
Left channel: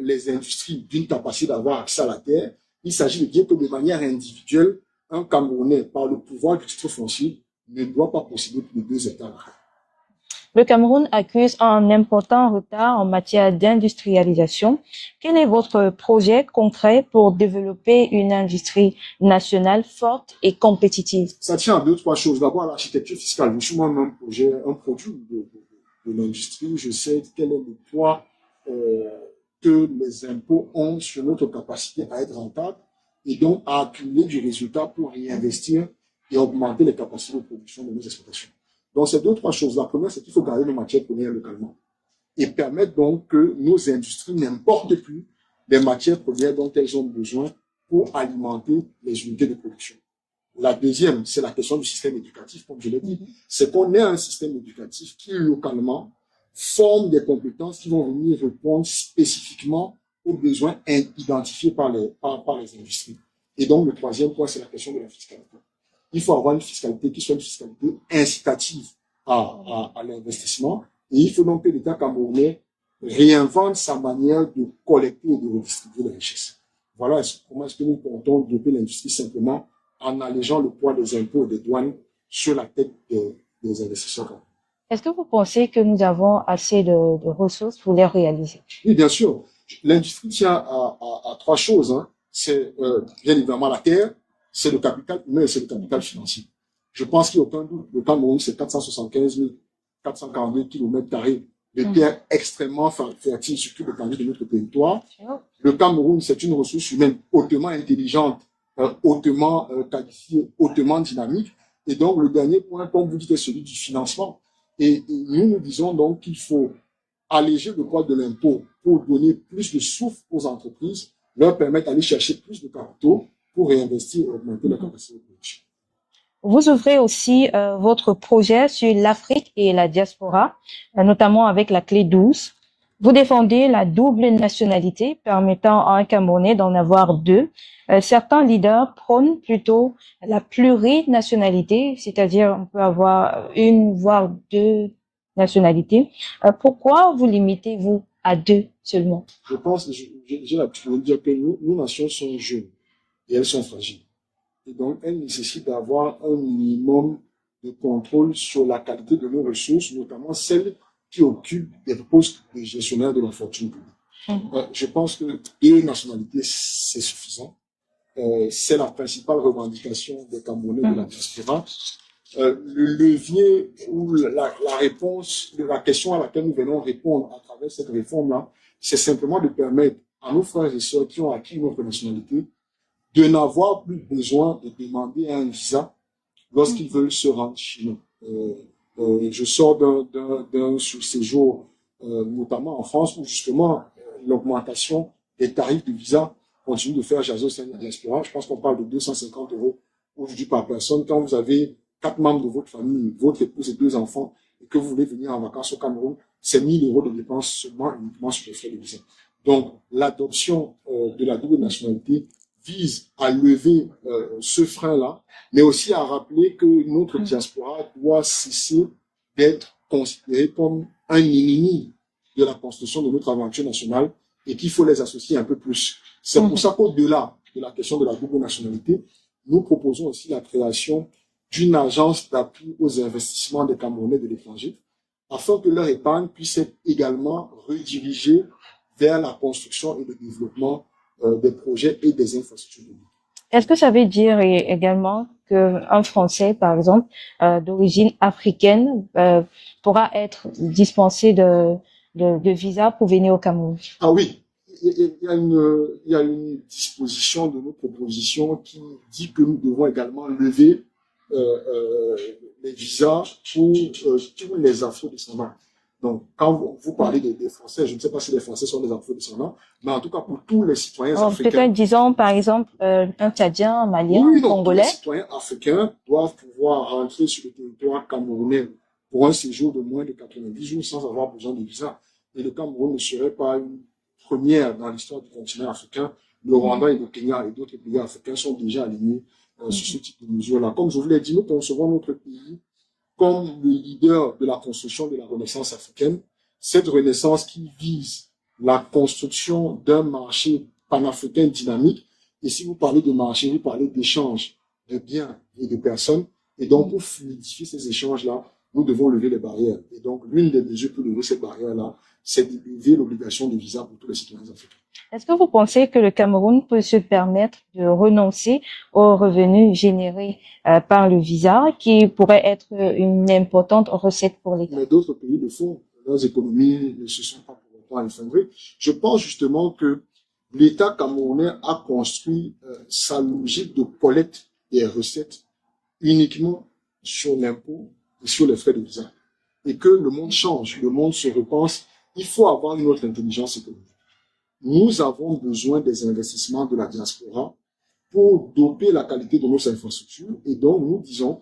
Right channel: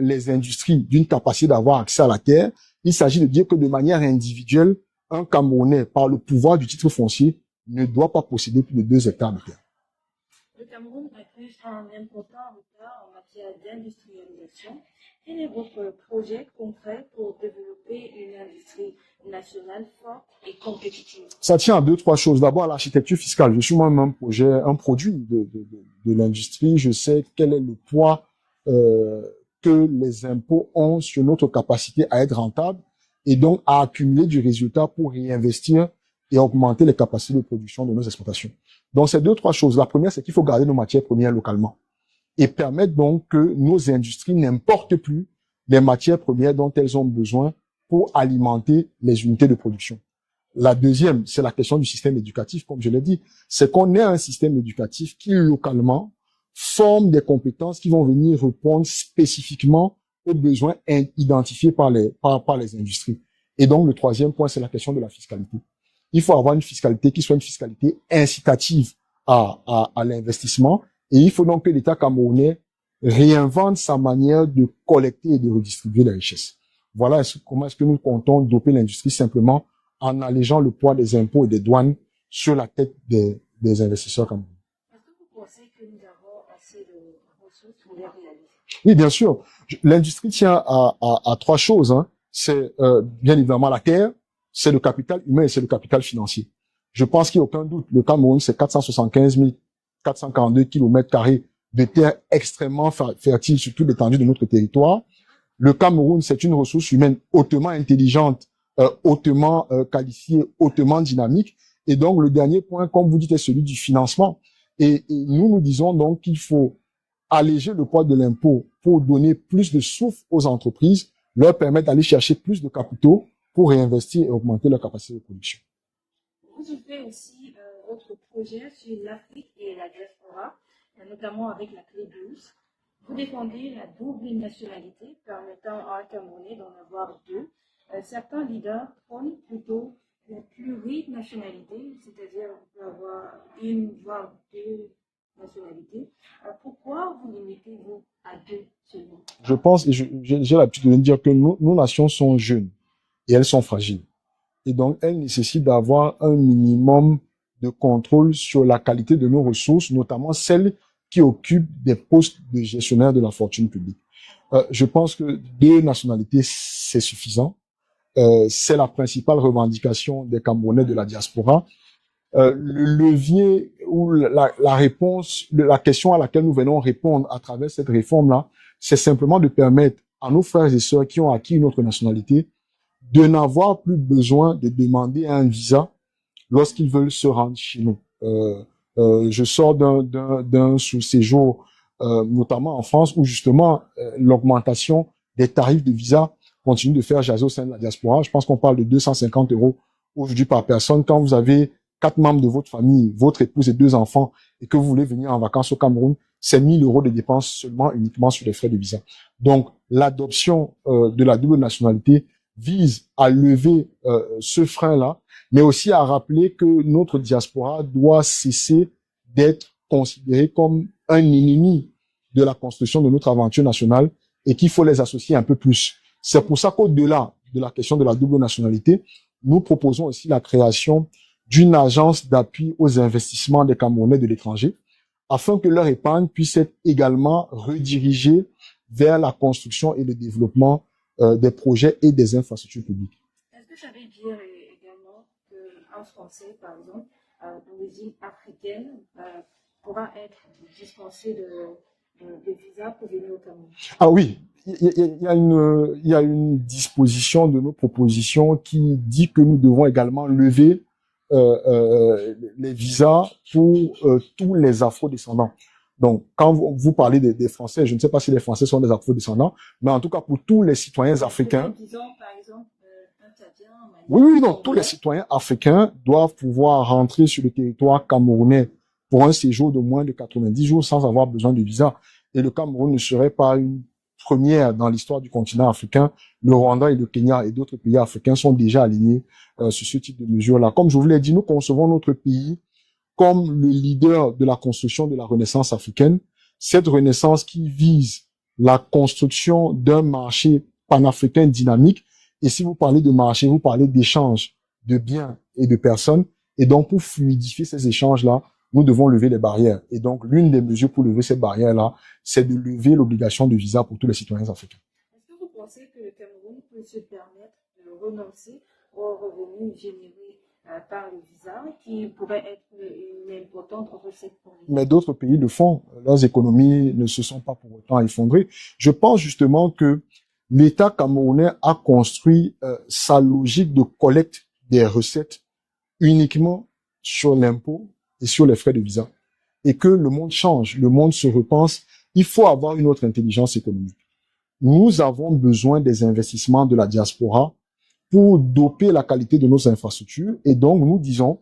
les industries d'une capacité d'avoir accès à la terre. Il s'agit de dire que de manière individuelle, un Camerounais, par le pouvoir du titre foncier, ne doit pas posséder plus de 2 hectares de terre. Le Cameroun accuse un important retard en matière d'industrialisation. Quel est votre projet concret pour développer une industrie nationale forte et compétitive? Ça tient à 2-3 choses. D'abord, l'architecture fiscale. Je suis moi-même un produit de l'industrie. Je sais quel est le poids que les impôts ont sur notre capacité à être rentable et donc à accumuler du résultat pour réinvestir et augmenter les capacités de production de nos exportations. Donc, c'est 2-3 choses. La première, c'est qu'il faut garder nos matières premières localement et permettre donc que nos industries n'importent plus les matières premières dont elles ont besoin pour alimenter les unités de production. La deuxième, c'est la question du système éducatif, comme je l'ai dit. C'est qu'on ait un système éducatif qui, localement, forme des compétences qui vont venir répondre spécifiquement aux besoins identifiés par les industries. Et donc, le troisième point, c'est la question de la fiscalité. Il faut avoir une fiscalité qui soit une fiscalité incitative à l'investissement. Et il faut donc que l'État camerounais réinvente sa manière de collecter et de redistribuer la richesse. Voilà comment est-ce que nous comptons doper l'industrie simplement en allégeant le poids des impôts et des douanes sur la tête des investisseurs camerounais. Est-ce que vous pensez que nous avons assez de ressources pour les réaliser? Oui, bien sûr. L'industrie tient à 3 choses. Hein. C'est bien évidemment la terre, c'est le capital humain et c'est le capital financier. Je pense qu'il n'y a aucun doute. Le Cameroun, c'est 475 442 km² de terre extrêmement fertile sur toute l'étendue de notre territoire. Le Cameroun, c'est une ressource humaine hautement intelligente, hautement qualifiée, hautement dynamique. Et donc, le dernier point, comme vous dites, est celui du financement. Et nous disons donc qu'il faut alléger le poids de l'impôt pour donner plus de souffle aux entreprises, leur permettre d'aller chercher plus de capitaux pour réinvestir et augmenter leur capacité de production. Vous ouvrez aussi votre projet sur l'Afrique et la diaspora, notamment avec la clé 12. Vous défendez la double nationalité permettant à un Camerounais d'en avoir 2. Certains leaders prônent plutôt la plurinationalité, c'est-à-dire on peut avoir 1 voire 2 nationalités. Pourquoi vous limitez-vous à 2 seulement? Je pense, et j'ai l'habitude de dire que nos nations sont jeunes et elles sont fragiles. Et donc, elles nécessitent d'avoir un minimum de contrôle sur la qualité de nos ressources, notamment celles qui occupent des postes de gestionnaire de la fortune publique. Je pense que 2 nationalités, c'est suffisant. C'est la principale revendication des Camerounais de la diaspora. Le levier ou la réponse, la question à laquelle nous venons répondre à travers cette réforme-là, c'est simplement de permettre à nos frères et sœurs qui ont acquis une autre nationalité de n'avoir plus besoin de demander un visa lorsqu'ils veulent se rendre chez nous. Je sors d'un séjour, notamment en France, où justement l'augmentation des tarifs de visa continue de faire jaser au sein de la diaspora. Je pense qu'on parle de 250 € aujourd'hui par personne. Quand vous avez 4 membres de votre famille, votre épouse et 2 enfants, et que vous voulez venir en vacances au Cameroun, c'est 1 000 € de dépenses seulement uniquement sur les frais de visa. Donc, l'adoption de la double nationalité vise à lever ce frein-là, mais aussi à rappeler que notre diaspora doit cesser d'être considérée comme un ennemi de la construction de notre aventure nationale et qu'il faut les associer un peu plus. C'est pour ça qu'au-delà de la question de la double nationalité, nous proposons aussi la création d'une agence d'appui aux investissements des Camerounais de l'étranger, afin que leur épargne puisse être également redirigée vers la construction et le développement des projets et des infrastructures publiques. Est-ce que ça veut dire également qu'un Français, par exemple, d'origine africaine, pourra être dispensé de visa pour venir au Cameroun? Ah oui, il y a une disposition de nos propositions qui dit que nous devons également lever les visas pour tous les afro-descendants. Donc, quand vous parlez des Français, je ne sais pas si les Français sont des afro-descendants, mais en tout cas pour tous les citoyens africains. Peut-être disons par exemple un Tchadien, un Malien, oui, non, Congolais. tous les citoyens africains doivent pouvoir rentrer sur le territoire camerounais pour un séjour de moins de 90 jours sans avoir besoin de visa. Et le Cameroun ne serait pas une première dans l'histoire du continent africain. Le Rwanda et le Kenya et d'autres pays africains sont déjà alignés sur ce type de mesures-là. Comme je vous l'ai dit, nous concevons notre pays comme le leader de la construction de la renaissance africaine. Cette renaissance qui vise la construction d'un marché panafricain dynamique. Et si vous parlez de marché, vous parlez d'échanges de biens et de personnes. Et donc, pour fluidifier ces échanges-là, nous devons lever les barrières. Et donc, l'une des mesures pour lever cette barrière-là, c'est de lever l'obligation de visa pour tous les citoyens africains. Est-ce que vous pensez que le Cameroun peut se permettre de renoncer aux revenus générés par le visa, qui pourrait être une importante recette pour l'État? Mais d'autres pays le font. Leurs économies ne se sont pas pour autant effondrées. Je pense justement que l'État camerounais a construit sa logique de collecte des recettes uniquement sur l'impôt et sur les frais de visa. Et que le monde change, le monde se repense. Il faut avoir une autre intelligence économique. Nous avons besoin des investissements de la diaspora pour doper la qualité de nos infrastructures. Et donc, nous disons,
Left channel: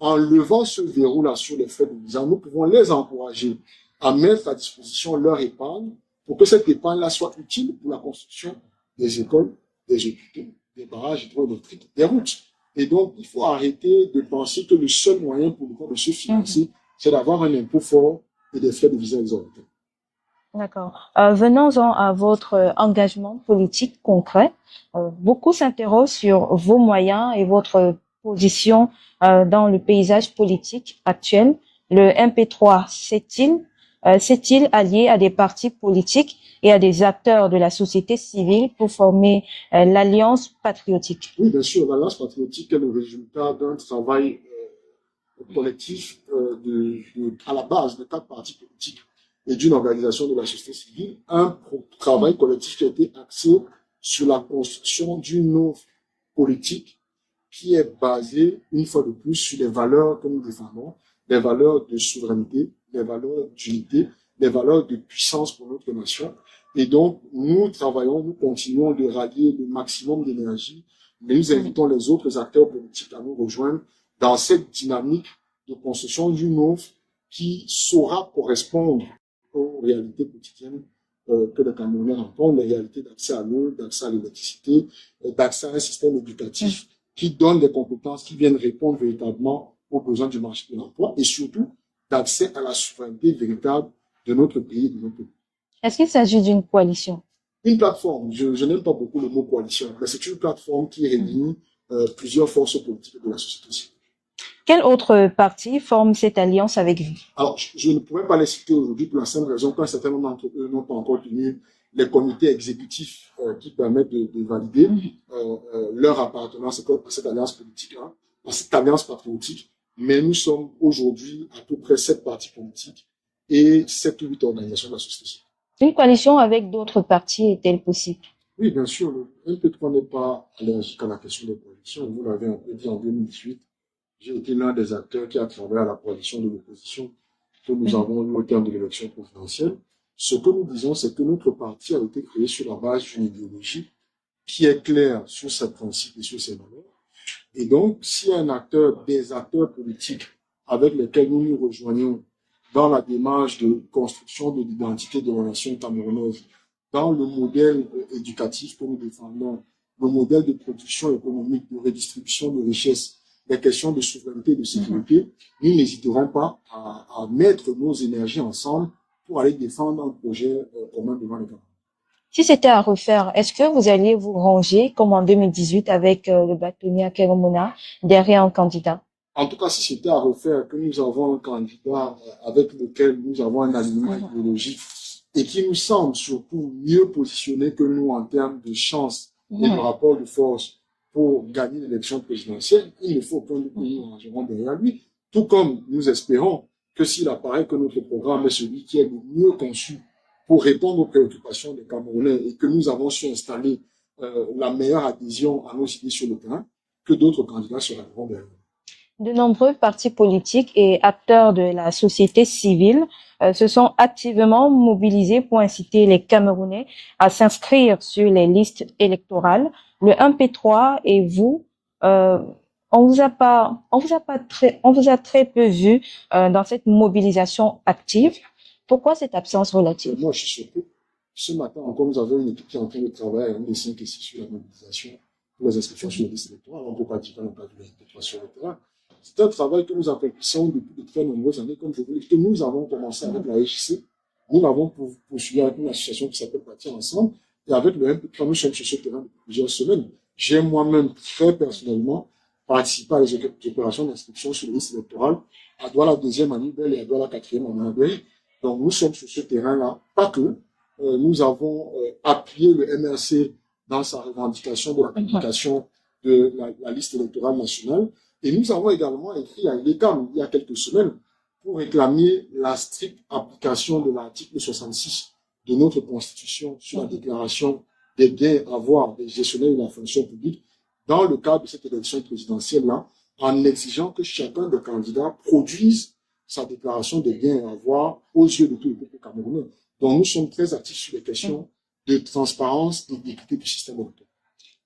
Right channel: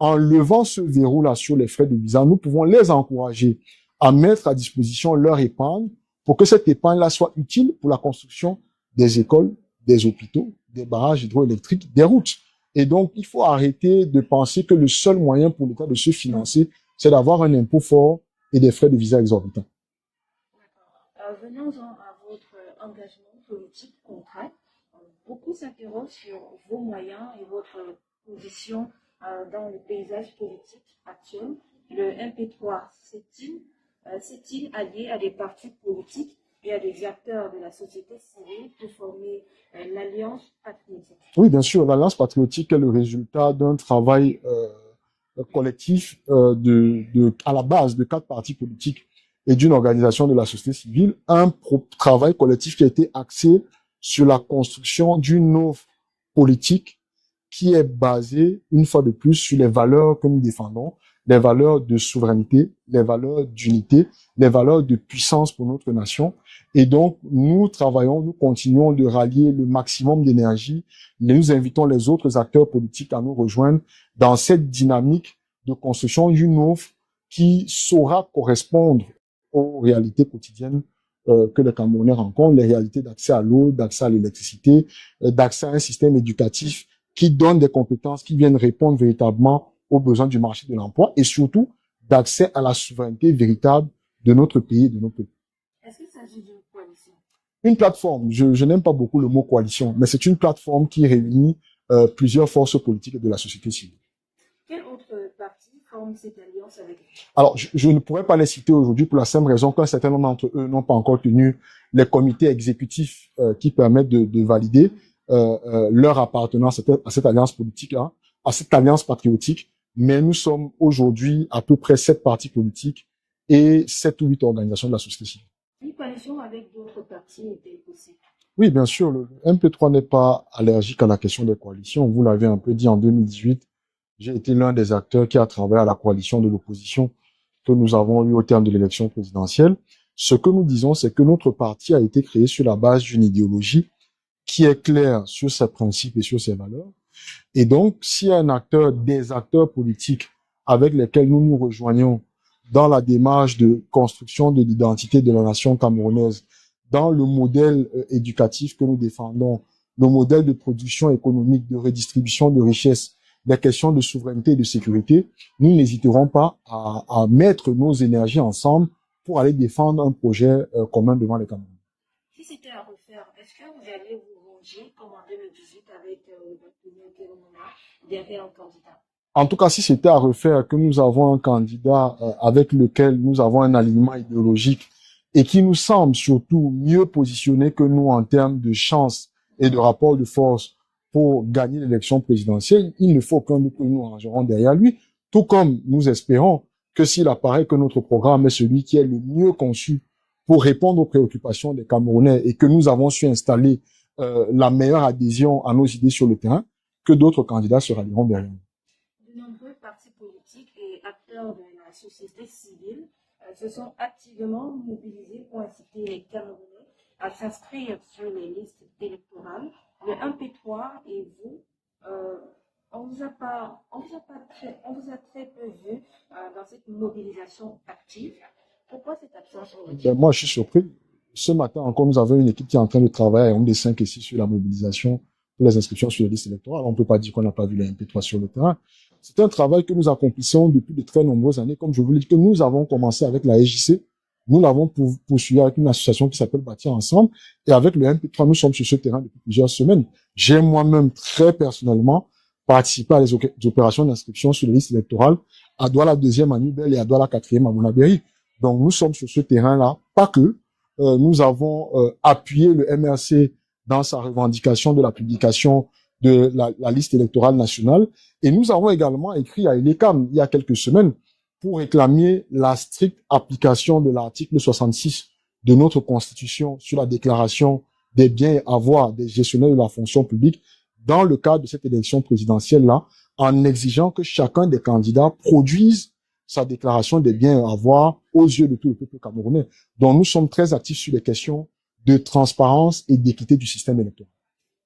en levant ce verrou-là sur les frais de visa, nous pouvons les encourager à mettre à disposition leur épargne pour que cette épargne-là soit utile pour la construction des écoles, des hôpitaux, des barrages hydroélectriques, des routes. Et donc, il faut arrêter de penser que le seul moyen pour l'État de se financer, c'est d'avoir un impôt fort et des frais de visa exorbitants. D'accord. Venons-en à votre engagement politique concret. Beaucoup s'interrogent sur vos moyens et votre position dans le paysage politique actuel. Le MP3 s'est-il allié à des partis politiques et à des acteurs de la société civile pour former l'Alliance patriotique? Oui, bien sûr. L'Alliance patriotique est le résultat d'un travail collectif à la base de 4 partis politiques et d'une organisation de la société civile, un travail collectif qui a été axé sur la construction d'une offre politique qui est basée, une fois de plus, sur les valeurs que nous défendons, les valeurs de souveraineté, les valeurs d'unité, les valeurs de puissance pour notre nation. Et donc, nous travaillons, nous continuons de rallier le maximum d'énergie. Nous invitons les autres acteurs politiques à nous rejoindre dans cette dynamique de construction d'une offre qui saura correspondre aux réalités quotidiennes que les Camerounais rencontrent, les réalités d'accès à l'eau, d'accès à l'électricité, d'accès à un système éducatif qui donne des compétences qui viennent répondre véritablement aux besoins du marché de l'emploi et surtout d'accès à la souveraineté véritable de notre pays et de notre peuple. Est-ce qu'il s'agit d'une coalition? Une plateforme, je n'aime pas beaucoup le mot coalition, mais c'est une plateforme qui réunit plusieurs forces politiques de la société civile. Quel autre parti forme cette alliance avec vous? Alors, je ne pourrais pas les citer aujourd'hui pour la simple raison qu'un certain nombre d'entre eux n'ont pas encore tenu les comités exécutifs qui permettent de valider leur appartenance à cette alliance politique-là, à cette alliance patriotique. Mais nous sommes aujourd'hui à peu près 7 partis politiques et 7 ou 8 organisations de la société civile. Une coalition avec d'autres partis est-elle possible? Oui, bien sûr. Le MP3 n'est pas allergique à la question des coalitions. Vous l'avez un peu dit en 2018. J'ai été l'un des acteurs qui a travaillé à la coalition de l'opposition que nous avons eue au terme de l'élection présidentielle. Ce que nous disons, c'est que notre parti a été créé sur la base d'une idéologie qui est claire sur ses principes et sur ses valeurs. Et donc, si des acteurs politiques avec lesquels nous nous rejoignons dans la démarche de construction de l'identité de la nation camerounaise, dans le modèle éducatif que nous défendons, le modèle de production économique, de redistribution de richesses, les questions de souveraineté et de sécurité, nous n'hésiterons pas à mettre nos énergies ensemble pour aller défendre un projet commun devant les Camerounais. Si c'était à refaire, est-ce que vous alliez vous ranger, comme en 2018 avec le bâtonnier Akéro Mouna, derrière un candidat? En tout cas, si c'était à refaire, que nous avons un candidat avec lequel nous avons un alignement idéologique et qui nous semble surtout mieux positionné que nous en termes de chance et de rapport de force pour gagner l'élection présidentielle, il ne faut qu'un que nous rangerons derrière lui, tout comme nous espérons que s'il apparaît que notre programme est celui qui est le mieux conçu pour répondre aux préoccupations des Camerounais et que nous avons su installer la meilleure adhésion à nos idées sur le terrain, que d'autres candidats se rallieront derrière nous. De nombreux partis politiques et acteurs de la société civile se sont activement mobilisés pour inciter les Camerounais à s'inscrire sur les listes électorales. Le 1P3 et vous, on vous a très peu vu dans cette mobilisation active. Pourquoi cette absence relative? Moi, je suis surpris. Ce matin encore, nous avons une équipe qui est en train de travailler à des 5 et 6 sur la mobilisation pour les inscriptions sur les listes électorales. On ne peut pas dire qu'on n'a pas vu les MP3 sur le terrain. C'est un travail que nous accomplissons depuis de très nombreuses années. Comme je vous l'ai dit, que nous avons commencé avec la SJC. Nous l'avons poursuivi avec une association qui s'appelle Bâtir Ensemble. Et avec le MP3, nous sommes sur ce terrain depuis plusieurs semaines. J'ai moi-même très personnellement participé à les opérations d'inscription sur les listes électorales à Douala 2e à Nibel et à Douala 4e à Mounabéry. Donc nous sommes sur ce terrain-là. Pas que. Nous avons appuyé le MRC dans sa revendication de la publication de la liste électorale nationale. Et nous avons également écrit à ILECAM il y a quelques semaines pour réclamer la stricte application de l'article 66 de notre Constitution sur la déclaration des biens et avoirs des gestionnaires de la fonction publique dans le cadre de cette élection présidentielle-là, en exigeant que chacun des candidats produise sa déclaration des biens et avoirs aux yeux de tout le peuple camerounais. Donc nous sommes très actifs sur les questions de transparence et d'équité du système électoral.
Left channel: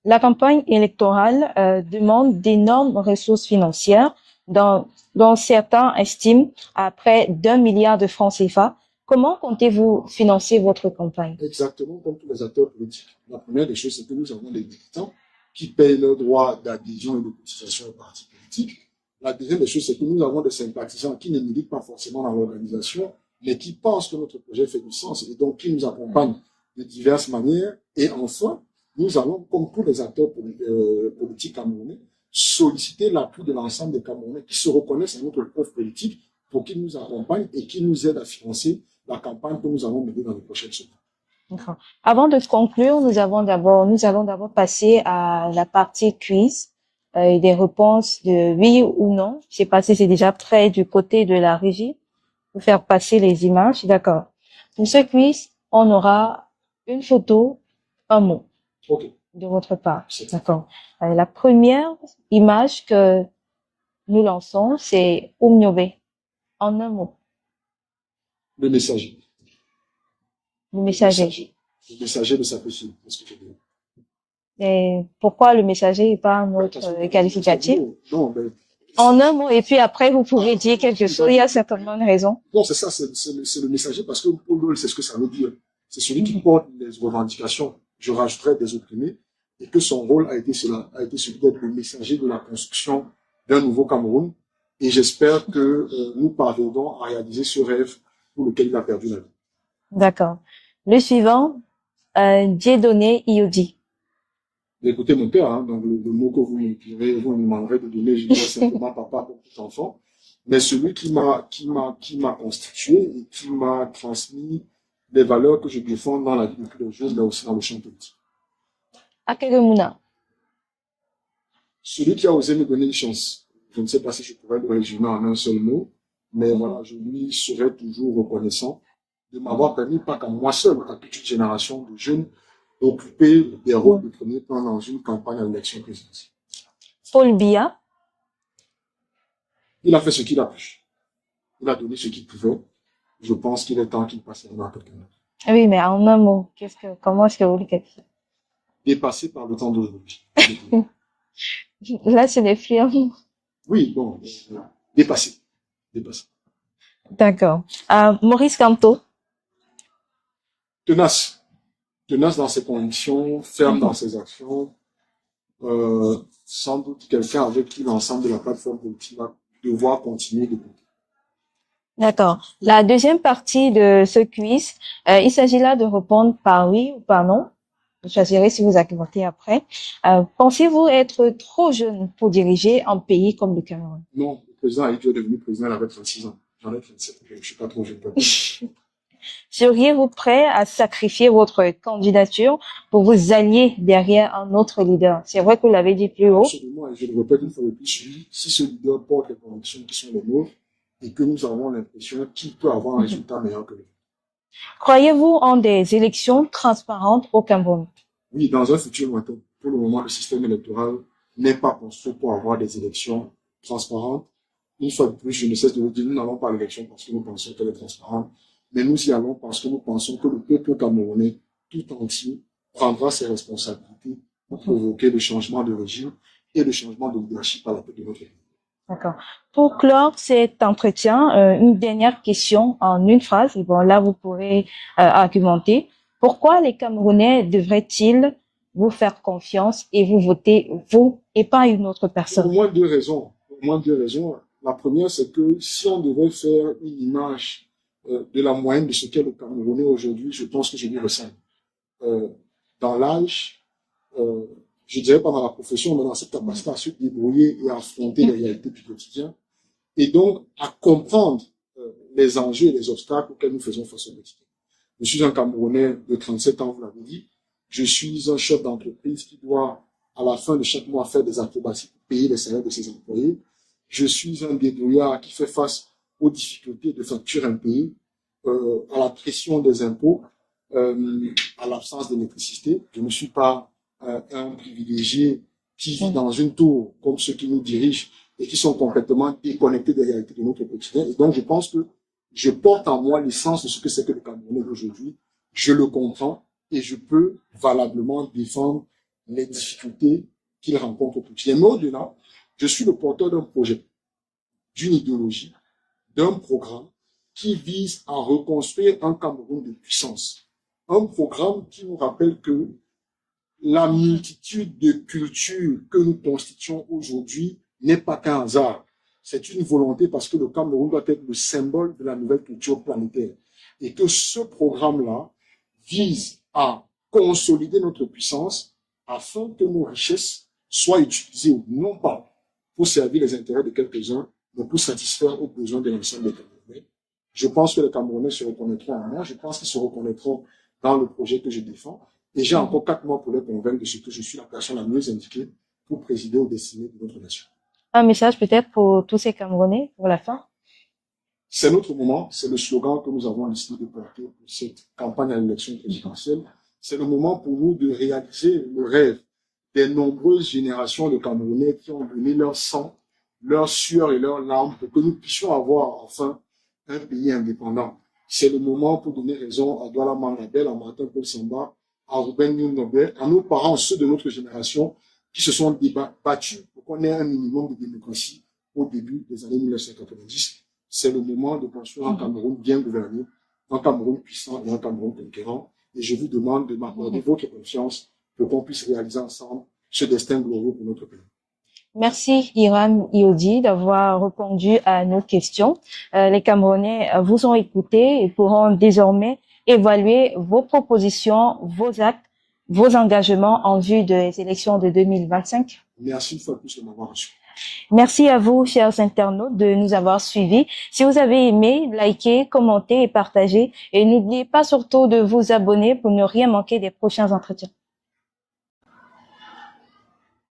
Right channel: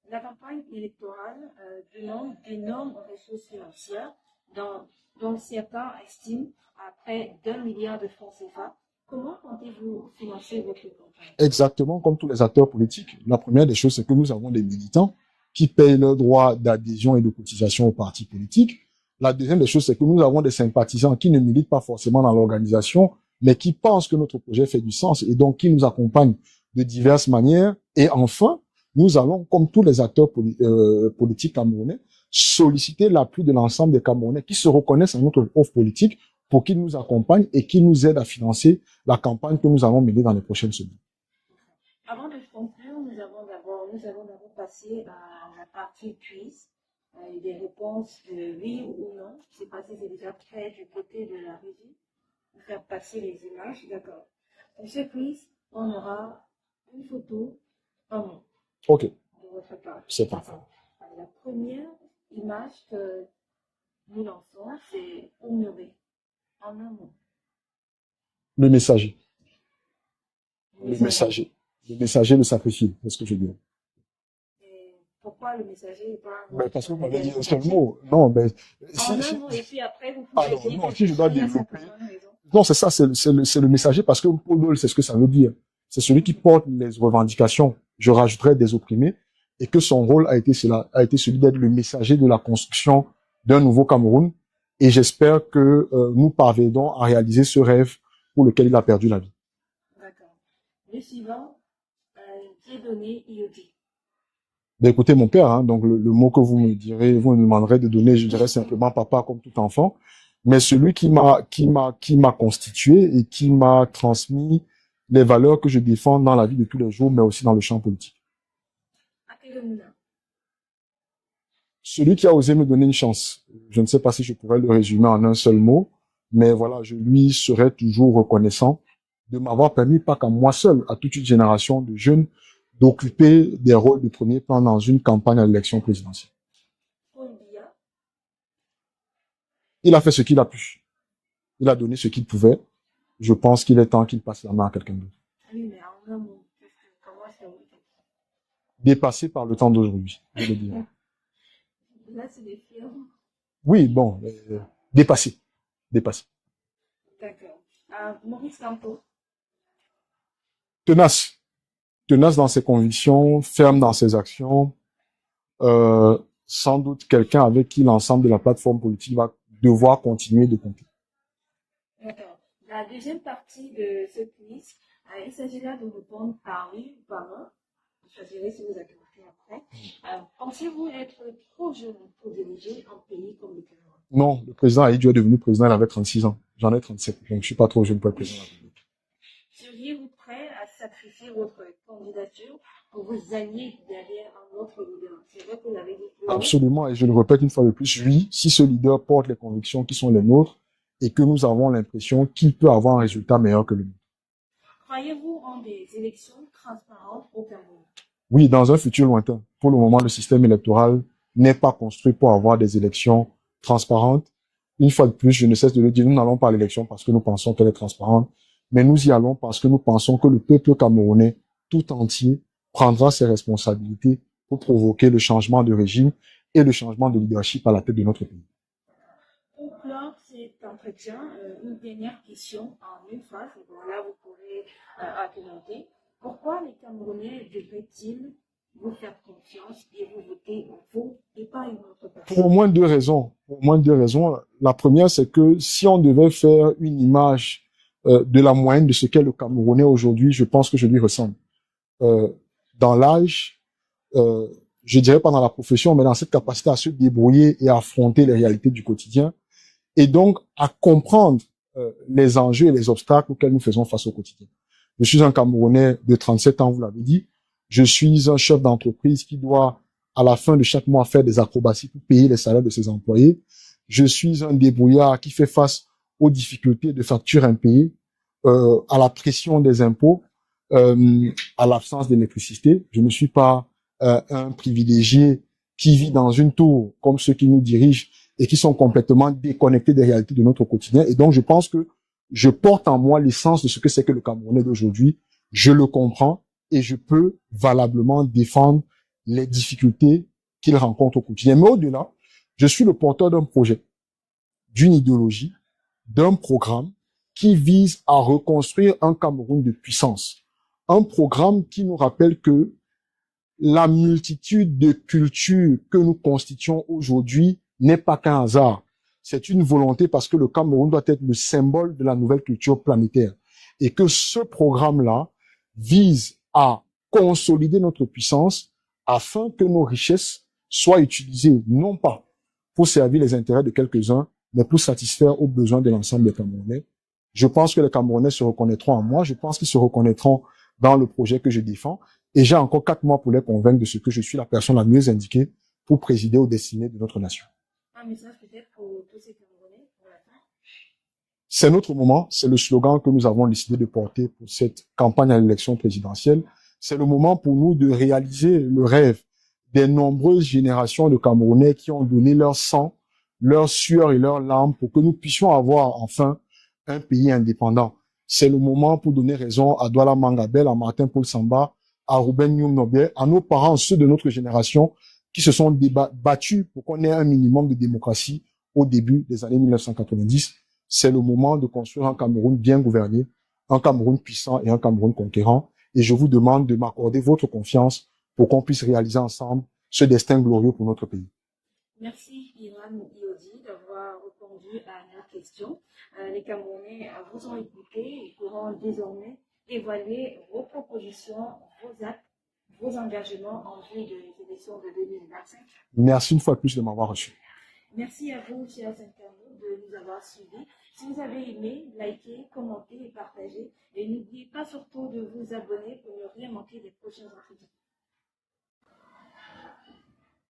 La campagne électorale demande d'énormes ressources financières, dont certains estiment à près d'1 milliard de francs CFA. Comment comptez-vous financer votre campagne? Exactement comme tous les acteurs politiques. La première des choses, c'est que nous avons des militants qui payent leurs droits d'adhésion et de cotisation aux partis politiques. La deuxième des choses, c'est que nous avons des sympathisants qui ne militent pas forcément dans l'organisation, mais qui pensent que notre projet fait du sens et donc qui nous accompagnent de diverses manières. Et enfin, nous allons, comme tous les acteurs politiques camerounais, solliciter l'appui de l'ensemble des Camerounais qui se reconnaissent à notre offre politique pour qu'ils nous accompagnent et qu'ils nous aident à financer la campagne que nous allons mener dans les prochaines semaines. Avant de conclure, nous allons d'abord passer à la partie quiz et des réponses de oui ou non. Je sais pas si c'est déjà prêt du côté de la régie pour faire passer les images. D'accord. Pour ce quiz, on aura une photo, un mot. OK. De votre part. D'accord. La première image que nous lançons, c'est Oumniobe. En un mot. Le messager. Le messager. Le messager le sacrifie, c'est ce que je dis. Et pourquoi le messager et pas un autre qualificatif? Non, mais en un mot, et puis après, vous pouvez dire quelque chose. Il y a certainement une raison. Non, c'est ça, c'est le messager parce que Podol, c'est ce que ça veut dire. C'est celui qui porte les revendications. Je rajouterais des opprimés et que son rôle a été celui d'être le messager de la construction d'un nouveau Cameroun. Et j'espère que nous parviendrons à réaliser ce rêve pour lequel il a perdu la vie. D'accord. Le suivant, Dieudonné Iodi. Ben écoutez, mon père, hein, donc le mot que vous me demanderez de donner, je dirais simplement papa comme tout enfant, mais celui qui m'a constitué et qui m'a transmis les valeurs que je défends dans la vie de tous les jours, mais aussi dans le champ politique. Akéro Mouna. Celui qui a osé me donner une chance. Je ne sais pas si je pourrais le résumer en un seul mot, mais voilà, je lui serai toujours reconnaissant de m'avoir permis, pas qu'à moi seul, à toute une génération de jeunes, d'occuper des rôles de premier plan dans une campagne à l'élection présidentielle. Paul Biya. Il a fait ce qu'il a pu. Il a donné ce qu'il pouvait. Je pense qu'il est temps qu'il passe la main à quelqu'un d'autre. Oui, mais en un mot, comment est-ce que vous le qualifiez? Dépassé par le temps d'aujourd'hui. Là, c'est des firmes. Oui, bon, dépassé. D'accord. Maurice Kamto. Tenace dans ses convictions, ferme dans ses actions, sans doute quelqu'un avec qui l'ensemble de la plateforme politique va devoir continuer de compter. D'accord. La deuxième partie de ce quiz, il s'agit là de répondre par oui ou par non. Vous choisirez si vous argumentez après. Pensez-vous être trop jeune pour diriger un pays comme le Cameroun? Non, le président Aïdjo est devenu président, il avait 36 ans. J'en ai 37. Je ne suis pas trop jeune pour être président. Seriez-vous prêt à sacrifier votre candidature pour vous allier derrière un autre leader? C'est vrai que vous l'avez dit plus haut. Absolument, et je le répète une fois de plus, oui, si ce leader porte les convictions qui sont les nôtres et que nous avons l'impression qu'il peut avoir un résultat meilleur que le nôtre. Croyez-vous en des élections transparentes au Cameroun? Oui, dans un futur lointain. Pour le moment, le système électoral n'est pas construit pour avoir des élections transparentes. Une fois de plus, je ne cesse de le dire, nous n'allons pas à l'élection parce que nous pensons qu'elle est transparente, mais nous y allons parce que nous pensons que le peuple camerounais tout entier prendra ses responsabilités pour provoquer le changement de régime et le changement de leadership à la tête de notre pays. D'accord. Pour clore cet entretien, une dernière question en une phrase. Et bon, là, vous pourrez argumenter. Pourquoi les Camerounais devraient-ils vous faire confiance et vous voter, vous, et pas une autre personne? Pour au moins deux raisons. Pour au moins deux raisons. La première, c'est que si on devait faire une image de la moyenne de ce qu'est le Camerounais aujourd'hui, je pense que je lui ressemble. Dans l'âge, je dirais pas dans la profession, mais dans cette capacité à se débrouiller et à affronter les réalités du quotidien, et donc à comprendre les enjeux et les obstacles auxquels nous faisons face au quotidien. Je suis un Camerounais de 37 ans, vous l'avez dit. Je suis un chef d'entreprise qui doit, à la fin de chaque mois, faire des acrobaties pour payer les salaires de ses employés. Je suis un débrouillard qui fait face aux difficultés de factures impayées, à la pression des impôts, à l'absence d'électricité. Je ne suis pas un privilégié qui vit dans une tour comme ceux qui nous dirigent et qui sont complètement déconnectés des réalités de notre quotidien. Et donc, je pense que je porte en moi l'essence de ce que c'est que le Camerounais d'aujourd'hui. Je le comprends et je peux valablement défendre les difficultés qu'il rencontre au quotidien. Mais au-delà, je suis le porteur d'un projet, d'une idéologie, d'un programme qui vise à reconstruire un Cameroun de puissance. Un programme qui nous rappelle que la multitude de cultures que nous constituons aujourd'hui n'est pas qu'un hasard. C'est une volonté parce que le Cameroun doit être le symbole de la nouvelle culture planétaire. Et que ce programme-là vise à consolider notre puissance afin que nos richesses soient utilisées non pas pour servir les intérêts de quelques-uns, mais pour satisfaire aux besoins de l'ensemble des Camerounais. Je pense que les Camerounais se reconnaîtront en moi. Je pense qu'ils se reconnaîtront dans le projet que je défends. Et j'ai encore 4 mois pour les convaincre de ce que je suis la personne la mieux indiquée pour présider aux destinées de notre nation. Un message peut-être pour tous ces Camerounais pour la fin? C'est notre moment, c'est le slogan que nous avons décidé de porter pour cette campagne à l'élection présidentielle. C'est le moment pour nous de réaliser le rêve des nombreuses générations de Camerounais qui ont donné leur sang, leur sueur et leurs larmes pour que nous puissions avoir enfin un pays indépendant. C'est le moment pour donner raison à Douala Mangabel, à Martin Paul Samba, à Ruben Nyum-Nobel, à nos parents, ceux de notre génération qui se sont battus pour qu'on ait un minimum de démocratie au début des années 1990. C'est le moment de construire un Cameroun bien gouverné, un Cameroun puissant et un Cameroun conquérant. Et je vous demande de m'accorder votre confiance pour qu'on puisse réaliser ensemble ce destin glorieux pour notre pays. Merci Hiram Iodi d'avoir répondu à nos questions. Les Camerounais vous ont écouté et pourront désormais évaluer vos propositions, vos actes, vos engagements en vue des élections de 2025. Merci une fois de plus de m'avoir reçu. Merci à vous, chers internautes, de nous avoir suivis. Si vous avez aimé, likez, commentez et partagez. Et n'oubliez pas surtout de vous abonner pour ne rien manquer des prochains entretiens.